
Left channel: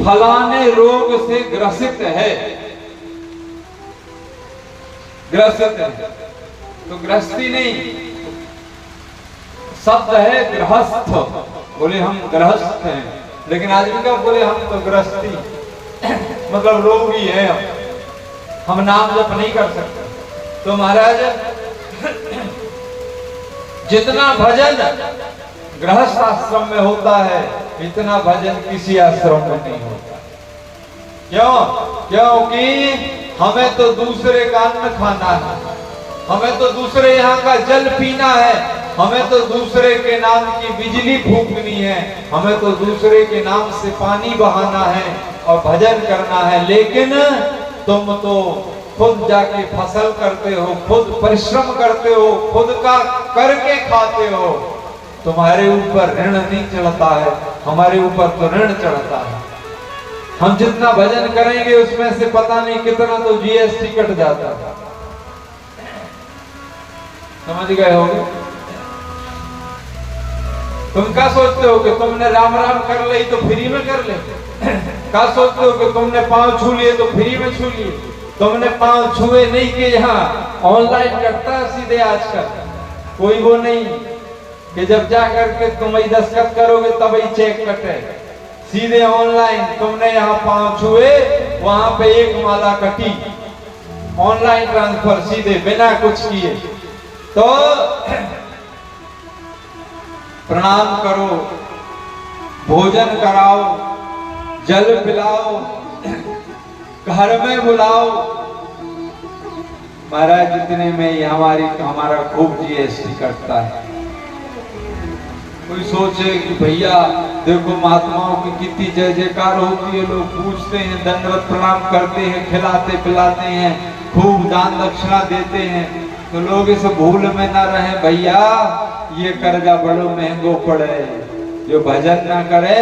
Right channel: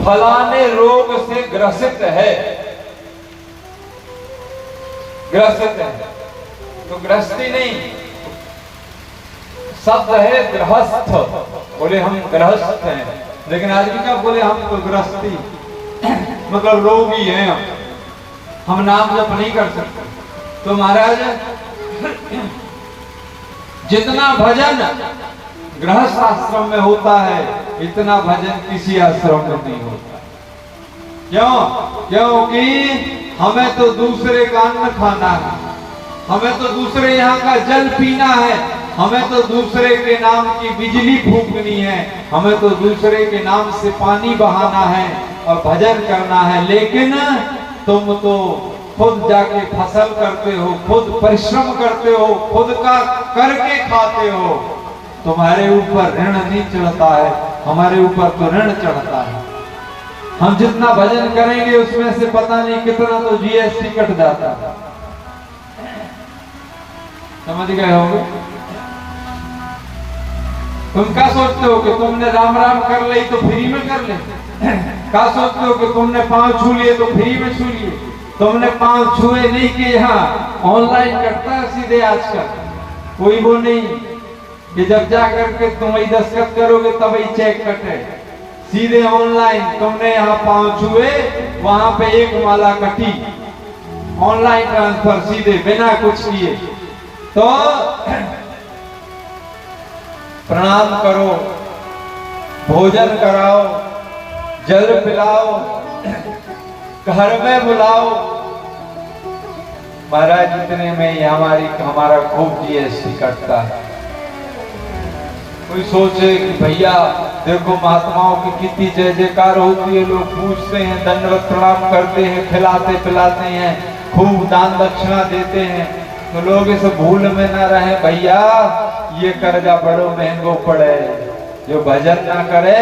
फलाने रोग से ग्रसित है, ग्रसित है। तो ग्रस्ती नहीं, शब्द है गृहस्थ। बोले हम गृहस्थ हैं, लेकिन आदमी का बोले हम तो गृहस्थी मतलब रोगी हैं, हम नाम जप नहीं कर सकते। तो महाराज जितना भजन गृहस्थ आश्रम में होता है इतना भजन किसी आश्रम में नहीं होता। क्यों? क्योंकि हमें तो दूसरे का अन्न खाना है, हमें तो दूसरे यहाँ का जल पीना है, हमें तो दूसरे के नाम की बिजली फूकनी है, हमें तो दूसरे के नाम से पानी बहाना है और भजन करना है। लेकिन तुम तो खुद जाके फसल करते हो, खुद परिश्रम करते हो, खुद का करके खाते हो। तुम्हारे ऊपर ऋण नहीं चढ़ता है, हमारे ऊपर तो ऋण चढ़ता है। हम जितना भजन करेंगे उसमें से पता नहीं कितना तो जीएसटी कट जाता है। समझ गए होगे? तुम क्या सोचते हो कि तुमने राम राम कर ली तो फ्री में कर ले? क्या सोचते हो कि तुमने पांव छू लिए तो फ्री में छू लिए? तुमने पांव छुए नहीं कि यहाँ ऑनलाइन कटता है सीधे आजकल, कोई वो नहीं कि जब जा करके तुम वही दस्तखत करोगे तब ही चेक कटे, सीधे ऑनलाइन। तुमने यहाँ पांव छुए, वहां पे एक माला कटी, ऑनलाइन ट्रांसफर सीधे बिना कुछ किए। तो प्रणाम करो, भोजन कराओ, जल पिलाओ, घर में बुलाओ। महाराज इतने में हमारा खूब जीएसटी कटता है। कोई सोचे कि भैया देखो महात्माओं की कितनी जय जयकार होती है, लोग पूछते हैं, दंडवत प्रणाम करते हैं, खिलाते पिलाते हैं, खूब दान दक्षिणा देते हैं। तो लोग इस भूल में ना रहे, भैया ये कर्जा बड़ो महंगो पड़े, जो भजन ना करे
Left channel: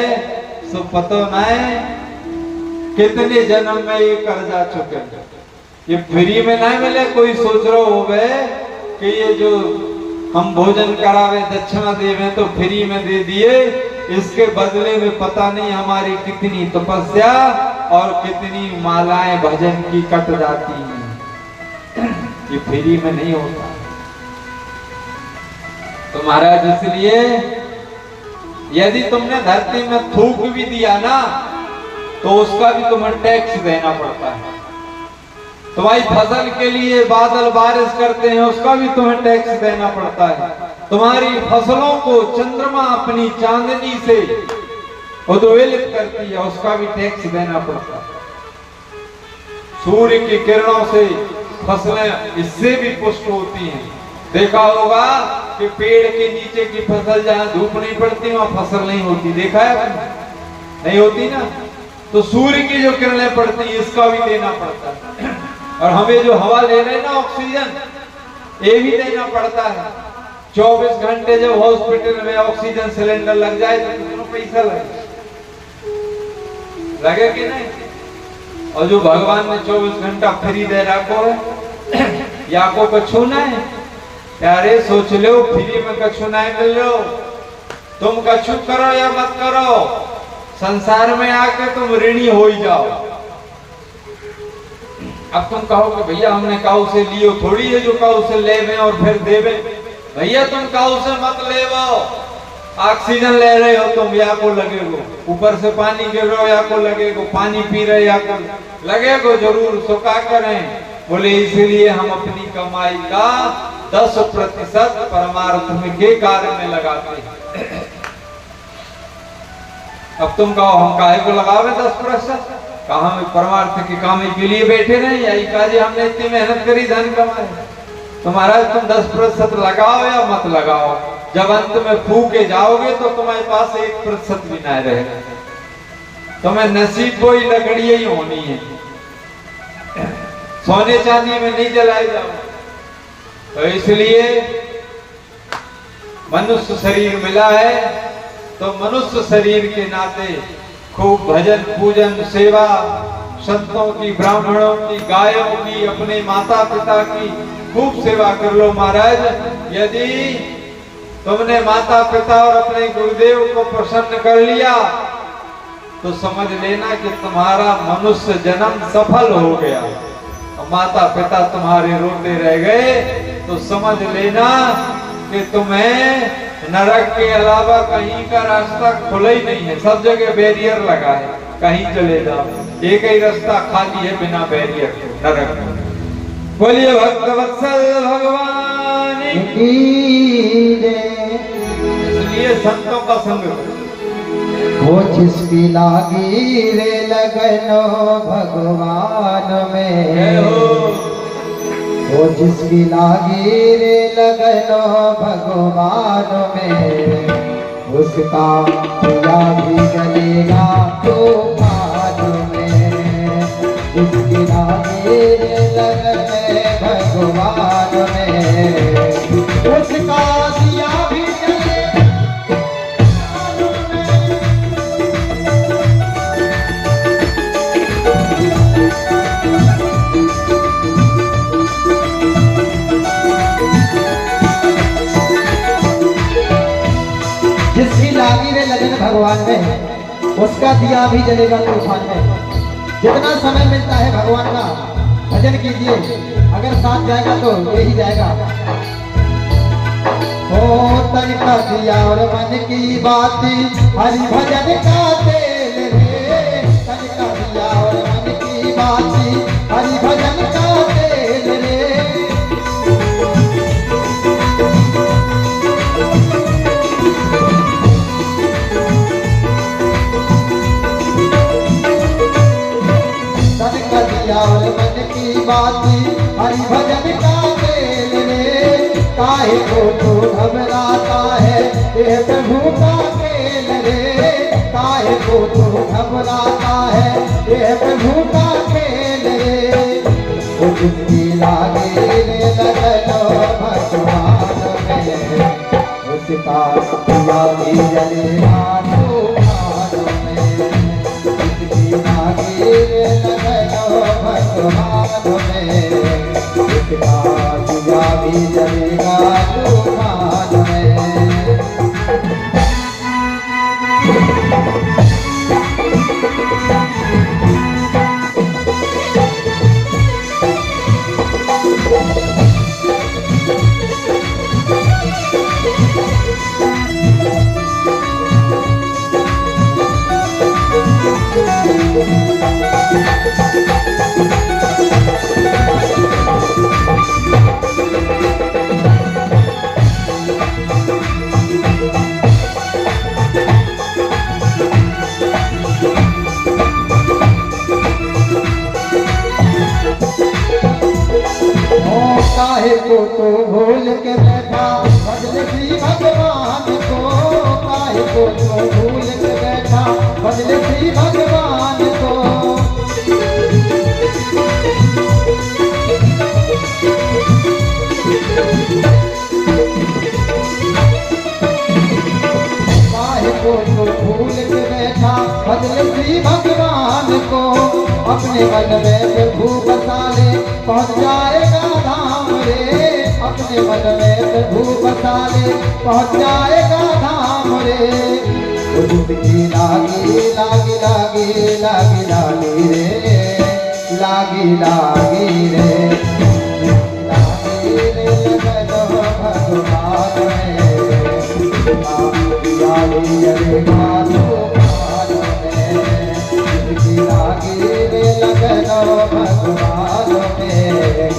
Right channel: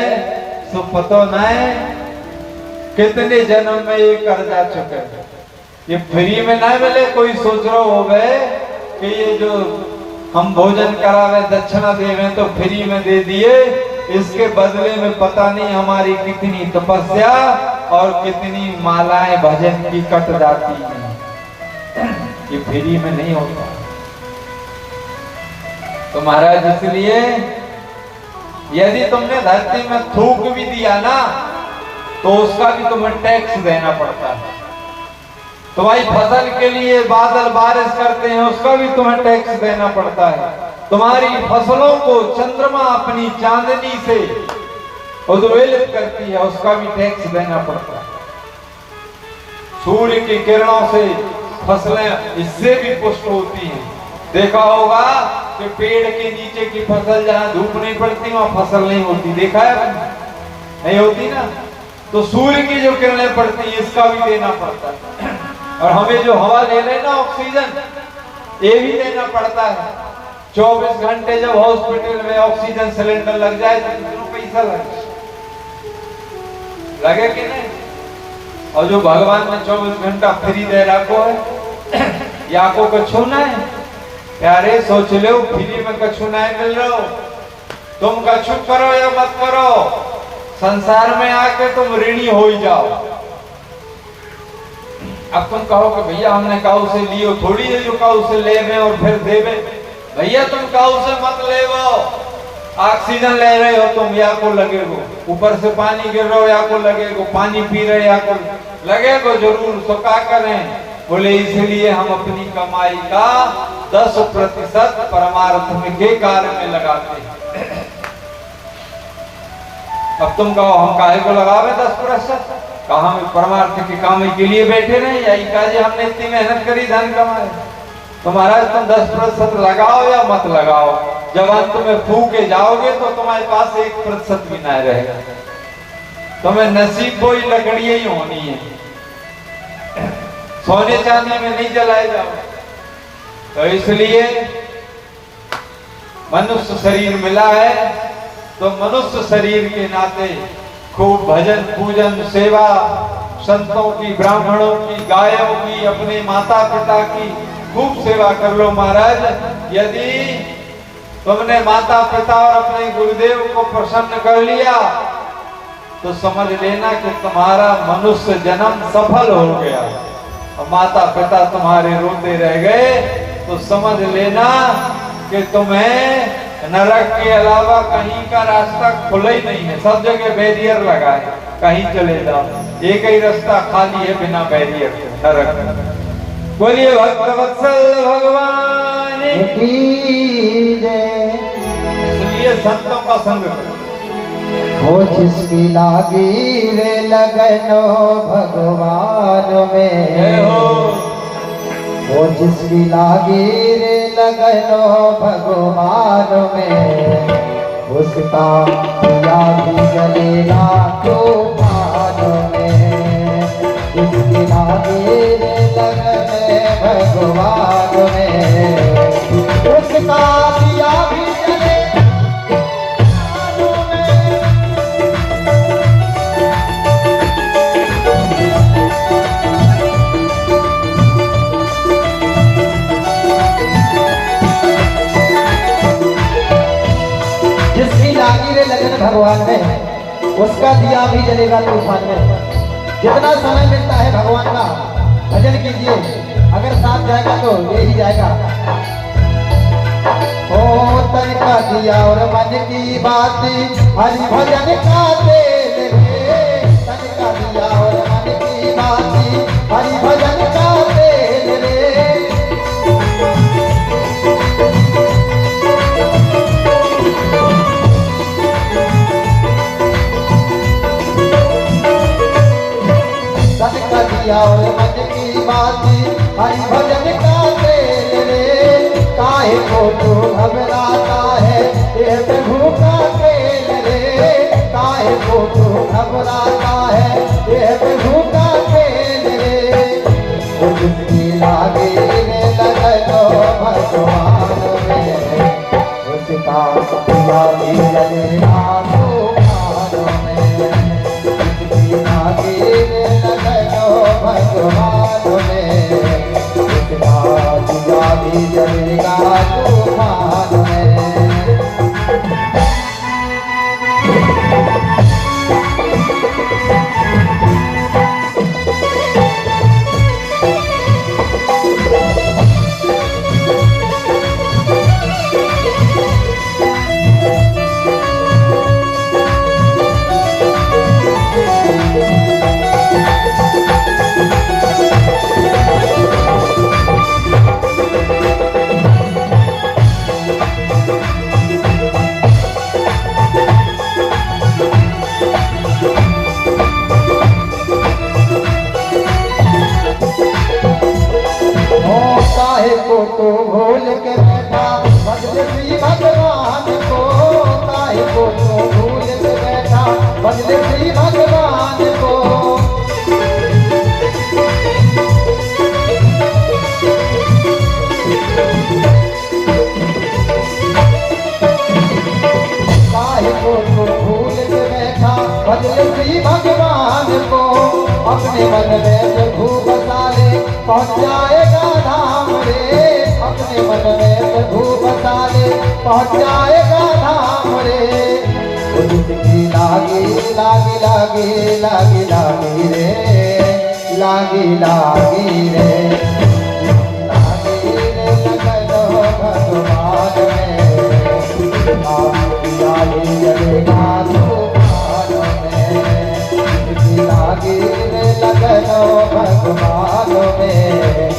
सो पतो ना है कितने जन्म में ये कर्जा चुके। ये फ्री में ना मिले। कोई सोच रहा हो गए कि ये जो हम भोजन करावे दक्षिणा देवे तो फ्री में दे दिए, इसके बदले में पता नहीं हमारी कितनी तपस्या और कितनी मालाएं भजन की कट जाती हैं। ये फ्री में नहीं होता। तो महाराज इसलिए यदि तुमने धरती में थूक भी दिया ना तो उसका भी तुम्हें टैक्स देना पड़ता है। तुम्हारी फसल के लिए बादल बारिश करते हैं, उसका भी तुम्हें टैक्स देना पड़ता है। तुम्हारी फसलों को चंद्रमा अपनी चांदनी से उद्वेलित करती है, उसका भी टैक्स देना पड़ता है। सूर्य की किरणों से फसलें इससे भी पुष्ट होती हैं। देखा होगा कि पेड़ के नीचे की फसल जहां धूप नहीं पड़ती वहां फसल नहीं होती, देखा है? नहीं होती ना। तो सूर्य की जो किरणें पड़ती है इसका भी देना पड़ता है। और हमें जो हवा ले रहे हैं ना ऑक्सीजन, ये भी देना पड़ता है। 24 घंटे जब हॉस्पिटल में ऑक्सीजन सिलेंडर लग जाए तो कितना पैसा लगे कि नहीं? और जो भगवान ने 24 घंटा फ्री दे रखो है, या को कछु नहीं प्यारे सोच लो, फ्री में कछु नहीं मिल रहा। तुम कछु करो या मत करो, संसार में आके तुम ऋणी हो ही जाओ। अब तुम कहो कि भैया हमने काऊ से लियो, थोड़ी है जो काऊ से लेवे और फिर देवे। भैया तुम काऊ से मत लेवो, ऑक्सीजन ले रहे हो तुम, या को लगेगो। ऊपर से पानी गिर रहे हो या को लगेगो, पानी पी रहे या को लगेगो जरूर। तो क्या करें? बोले इसलिए हम अपनी कमाई का 10% परमार्थ में के कार्य में लगाते हैं। अब तुम कहो हम काहे को लगावे 10%? कहा हम परमार्थ के काम के लिए बैठे नहीं, यही काजे हमने इतनी मेहनत करी धन कमाए। तो महाराज तुम 10% लगाओ या मत लगाओ, जब अंत में फूके जाओगे तो तुम्हारे पास 1% भी ना रहेगा। तुम्हें नसीब कोई लकड़ी ही होनी है, सोने चांदी में नहीं जलाए जाओ। तो इसलिए मनुष्य शरीर मिला है तो मनुष्य शरीर के नाते खूब भजन पूजन सेवा संतों की, ब्राह्मणों की, गायों की, अपने माता पिता की खूब सेवा कर लो महाराज। यदि तुमने माता पिता और अपने गुरुदेव को प्रसन्न कर लिया तो समझ लेना कि तुम्हारा मनुष्य जन्म सफल हो गया। और माता पिता तुम्हारे रोते रह गए तो समझ लेना कि तुम्हें नरक के अलावा कहीं का रास्ता खुला ही नहीं है, सब जगह बैरियर लगा है, कहीं चले जाओ एक ही रास्ता खाली है बिना बैरियर के, नरक। बोलिए भक्त वत्सल भगवान की जय। इसलिए संतों का संग हो जिसकी लागी रे लगनो भगवान में, वो जिसकी लागी रे लगनो भगवान में, उसका दिया भी जलेगा तूफान में। जिसकी लागी रे लगने भगवान में, उसका दिया भी जलेगा। जिसकी लागी रे लगन भगवान में, उसका दिया भी जलेगा तूफान में। जितना समय मिलता है भगवान का भजन कीजिए, अगर साथ जाएगा तो ले ही जाएगा। ओ तन का दिया और मन की बाती, हरि भजन का तेल रे। तन का दिया और मन की बाती, हरि भजन का तेल रे। और मन की बाती, हरि भजन का तेल रे। काहे को तो घबराता है ये प्रभु का तेल रे। काहे को तो घबराता है ये प्रभु का तेल रे। वो जिसकी लागे रे लगनो भगवान में, उसका दिया भी जलेगा तूफान में। जिसकी लागे रे लगनो भगवान में, उसका दिया भी जलेगा तूफान में। काहे को तो भूल के बैठा भजन श्री भगवान को। काहे को तो भूल के बैठा भजन श्री भगवान को। काहे को तो भूल के बैठा भजन श्री भगवान को। अपने मन में प्रभु बसा ले पहुँच जाएगा धाम रे। अपने मन में प्रभु बसा ले पहुँच जाएगा धाम रे। वो जिसकी लागी लागी लागी लागी लागी रे, लागी लागी रे, लागी रे लगनो भगवान में, दिया भी जलेगा तूफान में। जिसकी लागी रे लगनो भगवान में,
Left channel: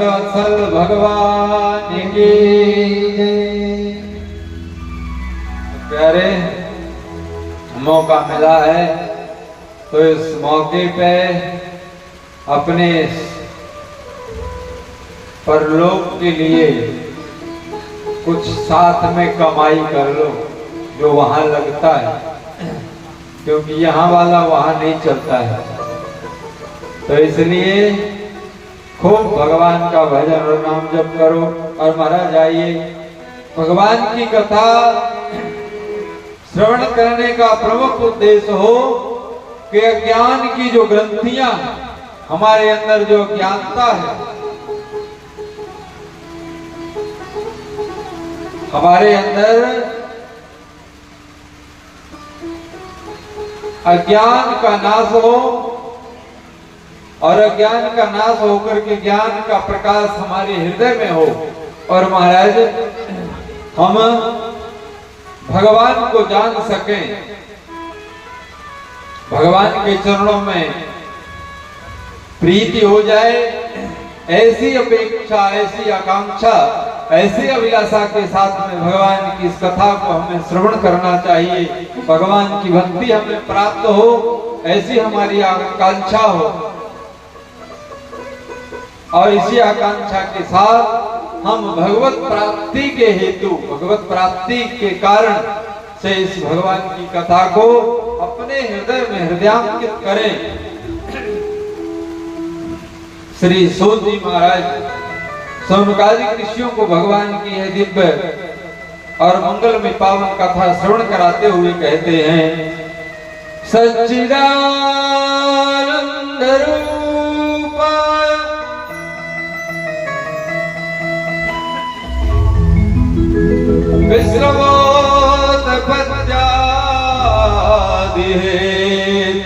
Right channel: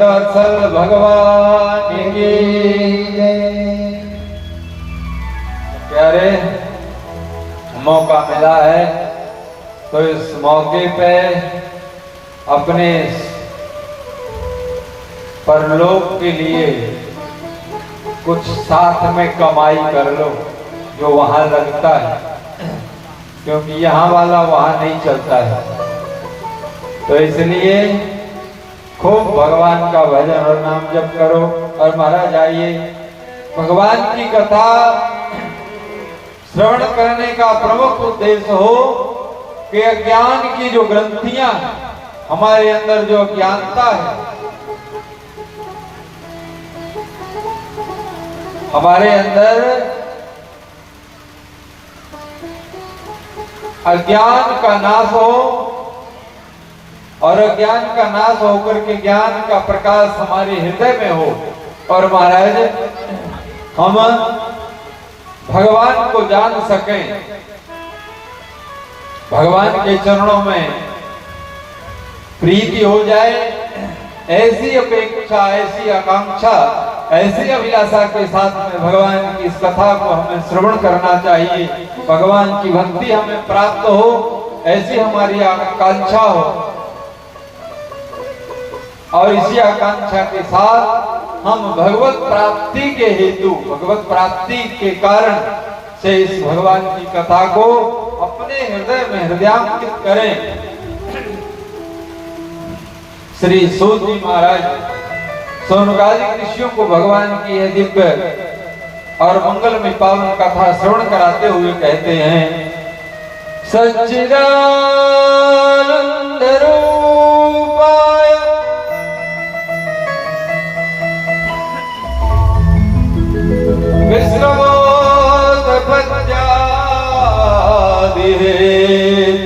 भक्तवत्सल भगवान की जय। प्यारे, मौका मिला है तो इस मौके पे अपने परलोक के लिए कुछ साथ में कमाई कर लो जो वहां लगता है, क्योंकि यहाँ वाला वहां नहीं चलता है। तो इसलिए खूब भगवान का भजन और नाम जप करो। और महाराज आइए, भगवान की कथा श्रवण करने का प्रमुख उद्देश्य हो कि अज्ञान की जो ग्रंथियां हमारे अंदर जो अज्ञानता है, हमारे अंदर अज्ञान का नाश हो और अज्ञान का नाश होकर के ज्ञान का प्रकाश हमारे हृदय में हो। और महाराज हम भगवान को जान सकें, भगवान के चरणों में प्रीति हो जाए, ऐसी अपेक्षा, ऐसी आकांक्षा, ऐसी अभिलाषा के साथ में भगवान की इस कथा को हमें श्रवण करना चाहिए। भगवान की भक्ति हमें प्राप्त हो, ऐसी हमारी आकांक्षा हो। और इसी आकांक्षा के साथ हम भगवत प्राप्ति के हेतु, भगवत प्राप्ति के कारण से इस भगवान की कथा को अपने हृदय में हृदयांकित करें। श्री सूत जी महाराज सौनकादिक ऋषियों को भगवान की यह दिव्य और मंगल में पावन कथा श्रवण कराते हुए कहते हैं, सच्चिदानंद रूपाय विश्वोत पत्यादि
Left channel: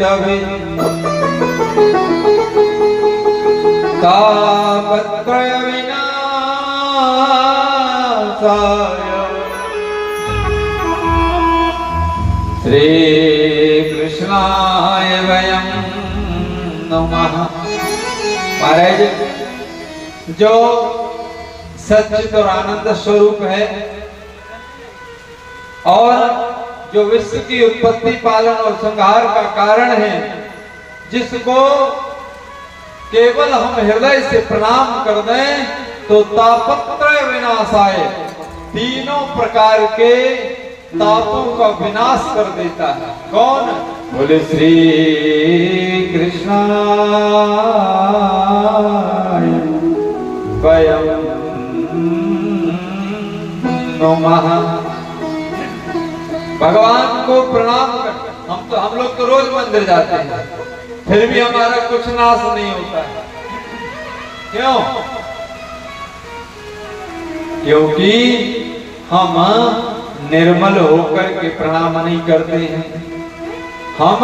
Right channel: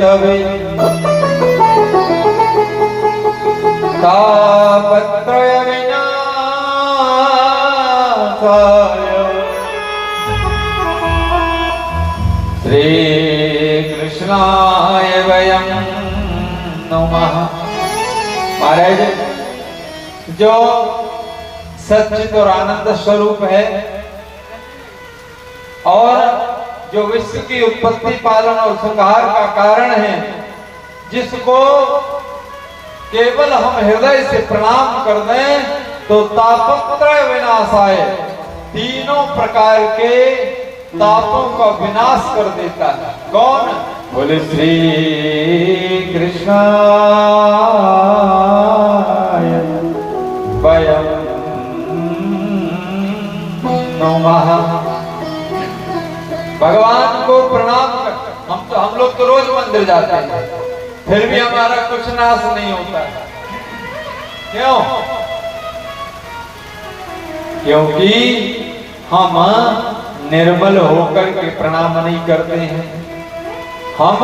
तवे तापत्र श्री कृष्णाय वयं नमः। महाराज, जो सच्चित और आनंद स्वरूप है और जो विश्व की उत्पत्ति, पालन और संहार का कारण है, जिसको केवल हम हृदय से प्रणाम कर दें तो तापत्रय विनाशाय, तीनों प्रकार के तापों का विनाश कर देता है। कौन? बोले श्री कृष्णाय वयं नमः। भगवान को प्रणाम कर, हम लोग तो रोज मंदिर जाते हैं, फिर भी हमारा कुछ नाश नहीं होता है। क्यों? क्योंकि हम निर्मल होकर के प्रणाम नहीं करते हैं। हम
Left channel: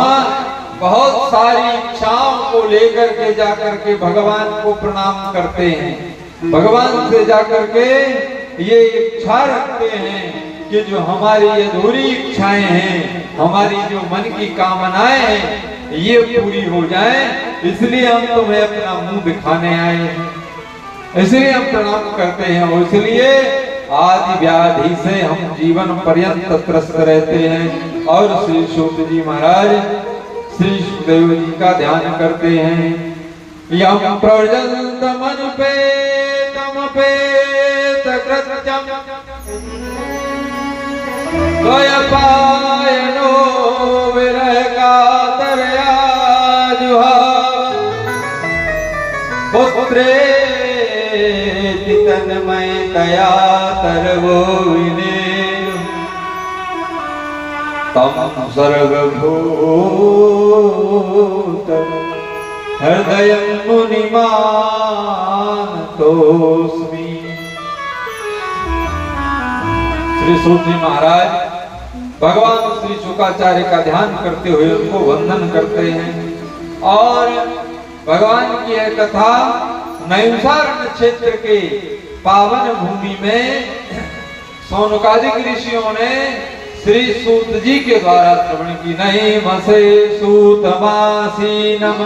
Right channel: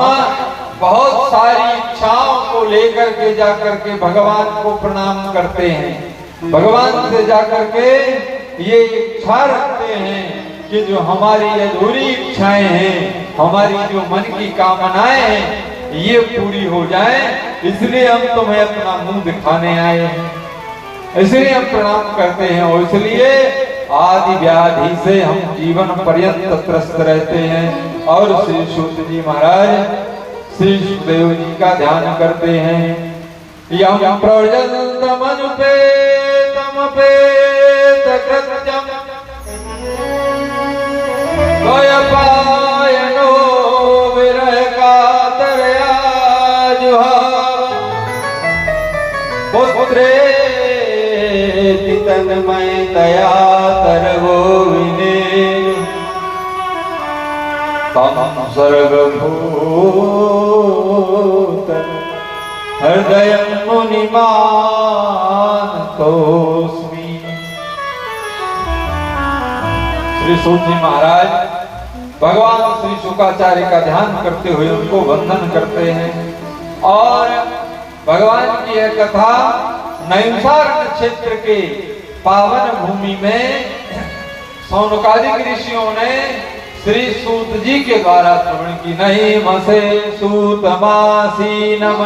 बहुत सारी इच्छाओं को लेकर के जाकर के भगवान को प्रणाम करते हैं। भगवान से जाकर के ये इच्छा रखते हैं कि जो हमारी अधूरी इच्छाएं हैं, हमारी जो मन की कामनाएं हैं, ये पूरी हो जाएं। इसलिए हम तुम्हें अपना मुंह दिखाने आए हैं, इसलिए हम प्रणाम करते हैं। और इसलिए आदि व्याधि से हम जीवन पर्यंत त्रस्त रहते हैं। और श्री सूत जी महाराज श्री सुखदेव जी का ध्यान करते हैं। यम प्रजन्तम अनुपेतम पेत कृत्यम द्वयपायनो विरह कातरया जुहाव पुत्रेति तन्मय दया तरवोइने तम सर्वभूत हृदय मुनिमान तोस्मि। श्री सूत जी महाराज भगवान श्री शुकाचार्य का ध्यान करते हुए उनको वंदन करते हैं। और भगवान की यह कथा नैमिषारण्य क्षेत्र के पावन भूमि में सौनकादिक ऋषियों ने श्री सूत जी के द्वारा श्रवण की। नहीं मसे सूतमासीनम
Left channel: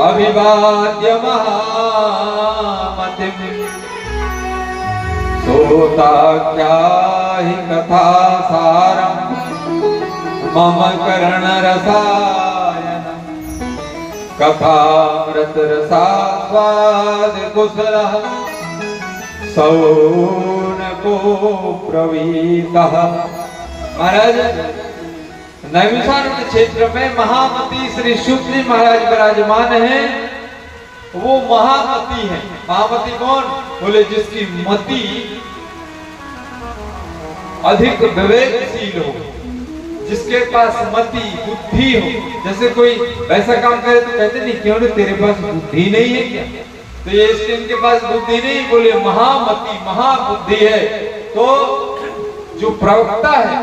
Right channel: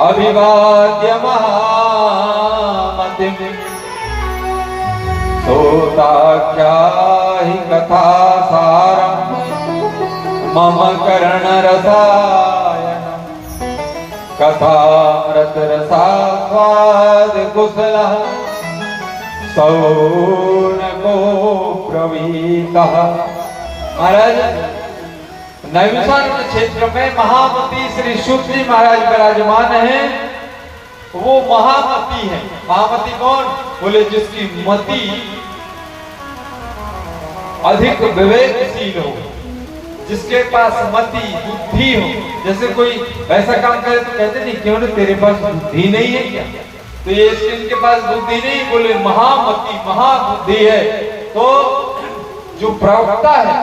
अभिवाद्य महामते मतिम सोताख्या हि कथा सारम मम कर्ण रसायन कथामृत रसास्वाद कुशलः सौनको प्रवीतः। महाराज नैमिषारण्य के क्षेत्र में महामती श्री शुद्ध जी महाराज विराजमान हैं। वो महामती है। महामती कौन? बोले जिसकी मति अधिक विवेकशील हो, जिसके पास मति बुद्धि हो। जैसे कोई ऐसा काम करे तो कहते नहीं क्यों ना तेरे पास बुद्धि नहीं है क्या? तो ये इनके पास बुद्धि नहीं, बोले महामती महाबुद्धि है। तो जो प्रवक्ता है,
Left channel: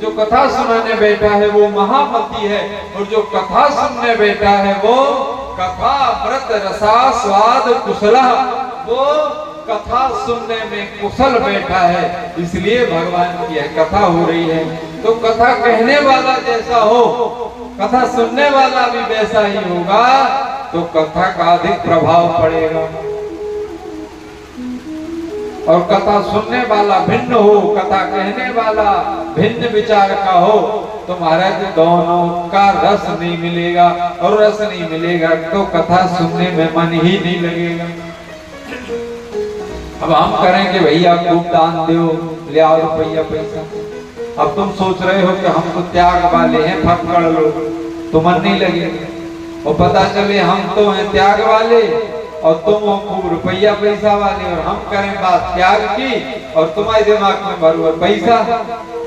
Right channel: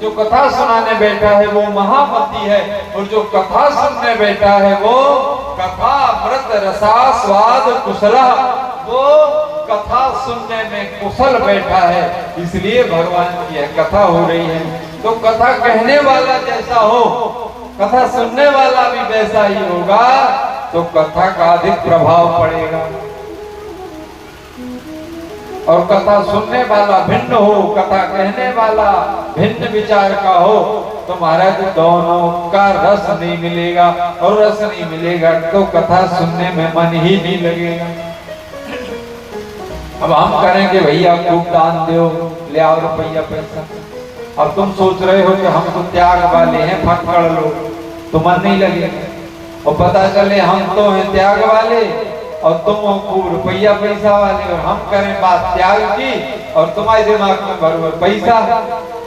जो कथा सुनाने बैठा है वो महामती है, और जो कथा सुनने बैठा है वो कथा अमृत रसास्वाद कुशला, वो कथा सुनने में कुशल बैठा है। इसलिए भगवान की कथा हो रही है। तो कथा कहने वाला जैसा हो, कथा सुनने वाला भी वैसा ही होगा, तो कथा का अधिक प्रभाव पड़ेगा। और कथा सुनने वाला भिन्न हो, कथा कहने वाला भिन्न विचार का हो, तो महाराज दोनों का रस नहीं मिलेगा, और रस नहीं मिलेगा तो कथा सुनने में मन ही नहीं लगेगा। अब हम करेंगे भैया खूब दान दो, ले आओ रुपया पैसा। अब तुम सोच रहे हो कि हम तो त्याग वाले हैं, फटकड़ लो, तो मन नहीं लगेगा। और पता चले हम तो हैं त्याग वाले और तुम हो रुपया पैसा वाले, और हम करें बात त्याग की और तुम्हारे दिमाग में भर पैसा,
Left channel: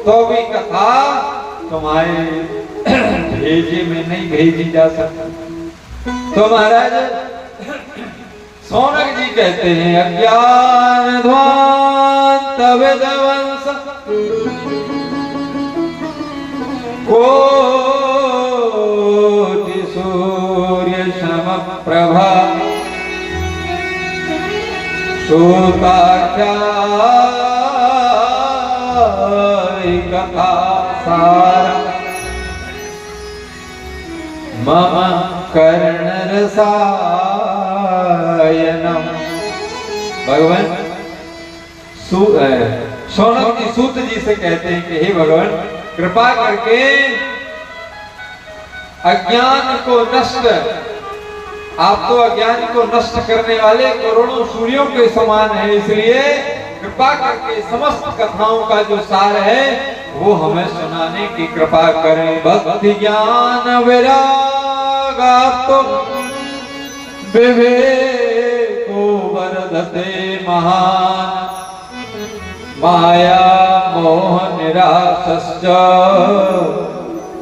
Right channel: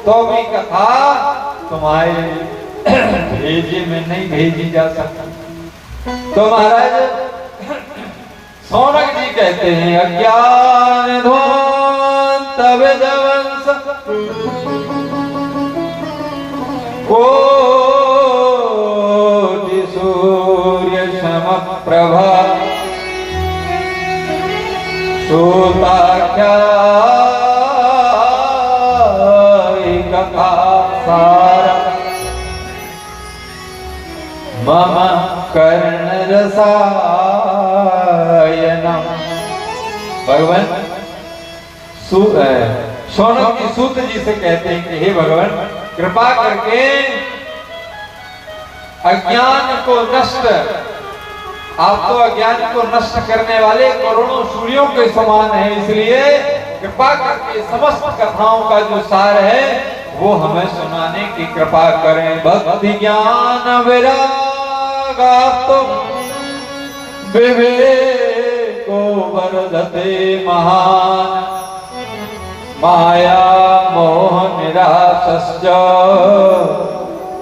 तो भी कथा तुम्हारे भेजे में नहीं भेजी जा सकती। तो महाराज सौनक जी कहते हैं अज्ञान ध्वांत विध्वंस कोटि सूर्य सम प्रभा श्रोताख्या कथा सार मम कर्ण रसायनम। भगवान शौनक जी सूत जी से कहते हैं कि हे भगवान कृपा करके अज्ञान को नष्ट, आप तो अज्ञान को नष्ट करने वाले करोड़ों सूर्यों के समान है, इसलिए कृपा करके समस्त कथाओं का जो सार है वो हमें सुनाने की कृपा करें। भक्ति ज्ञान विराग तो विवेको वर्धते महान माया मोह निराशश्च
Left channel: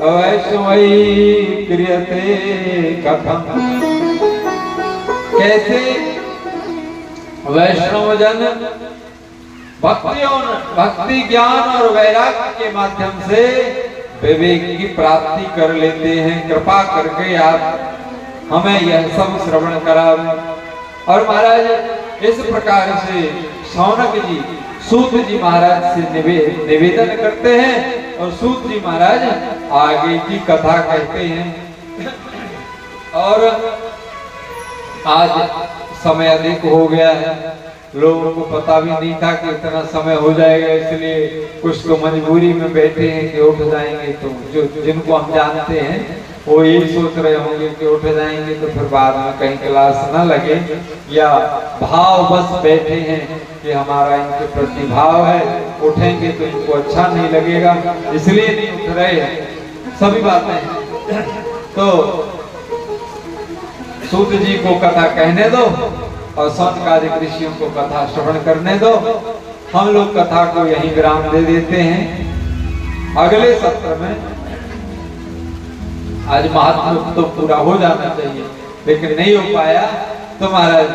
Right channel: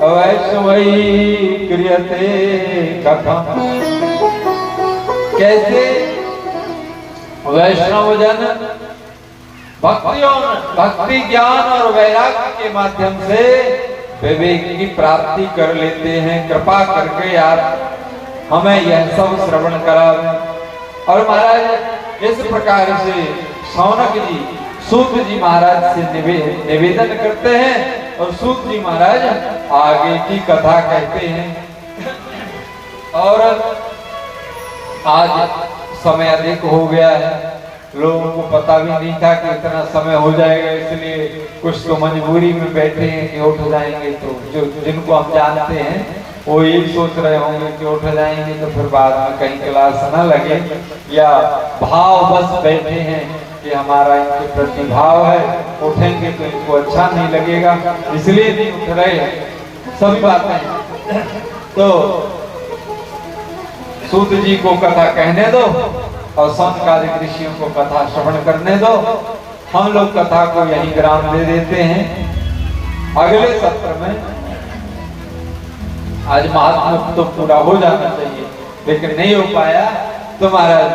वैष्णवी क्रियते कथम। कैसे वैष्णव जन भक्ति ज्ञान और वैराग्य के माध्यम से विवेक की प्राप्ति कर लेते हैं। कृपा करके आप हमें यह सब श्रवण करावे। और महाराज इस प्रकार से शौनक जी सूत जी महाराज से निवेदन करते हैं, और सूत जी महाराज आगे की कथा कहते हैं। और आज समय अधिक हो गया है, लोगों को पता भी नहीं था कि इतना समय हो जाएगा, इसलिए कुछ तो मजबूरी में बैठे हैं कि उठ जाएंगे। तो जो जिनको हम जानते हैं वो यही सोच रहे होंगे कि उठ जाएंगे तो फिर बाद में कहीं क्लास ना लगे, या भाव बस बैठे हैं कि हमारा इनके प्रति भाव है, उठेंगे तो इनको अच्छा नहीं लगेगा, इसलिए नहीं उठ रहे हैं। सभी बातें तो सूत जी को कथा कहने दो और संतकालिक ऋषियों को कथा श्रवण करने दो। हम लोग कथा को यही विराम दे देते हैं। अगले सत्र में, आज महात्मा तो पूरा हो जाना चाहिए लेकिन नहीं हो पाया, तो महाराज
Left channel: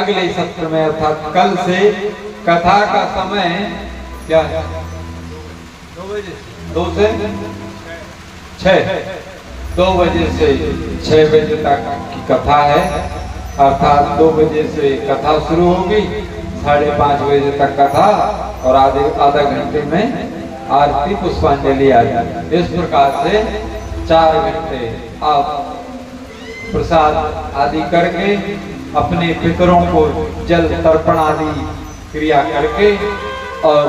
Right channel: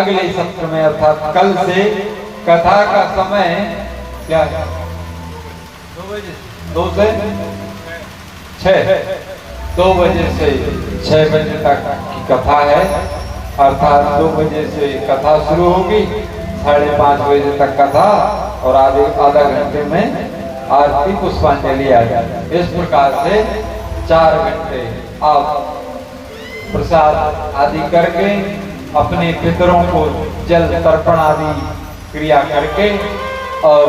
अगले सत्र में अर्थात कल से कथा का समय क्या 2 बजे 2 से 6 2 बजे से 6 बजे तक की कथा है। अर्थात 2 बजे से कथा शुरू होगी, 5:30 बजे तक कथा, और आधा घंटे में आरती पुष्पांजलि आ जाए। इस प्रकार से 4 घंटे आप प्रसाद आदि करके अपने पितरों को जल तर्पण आदि क्रिया करके और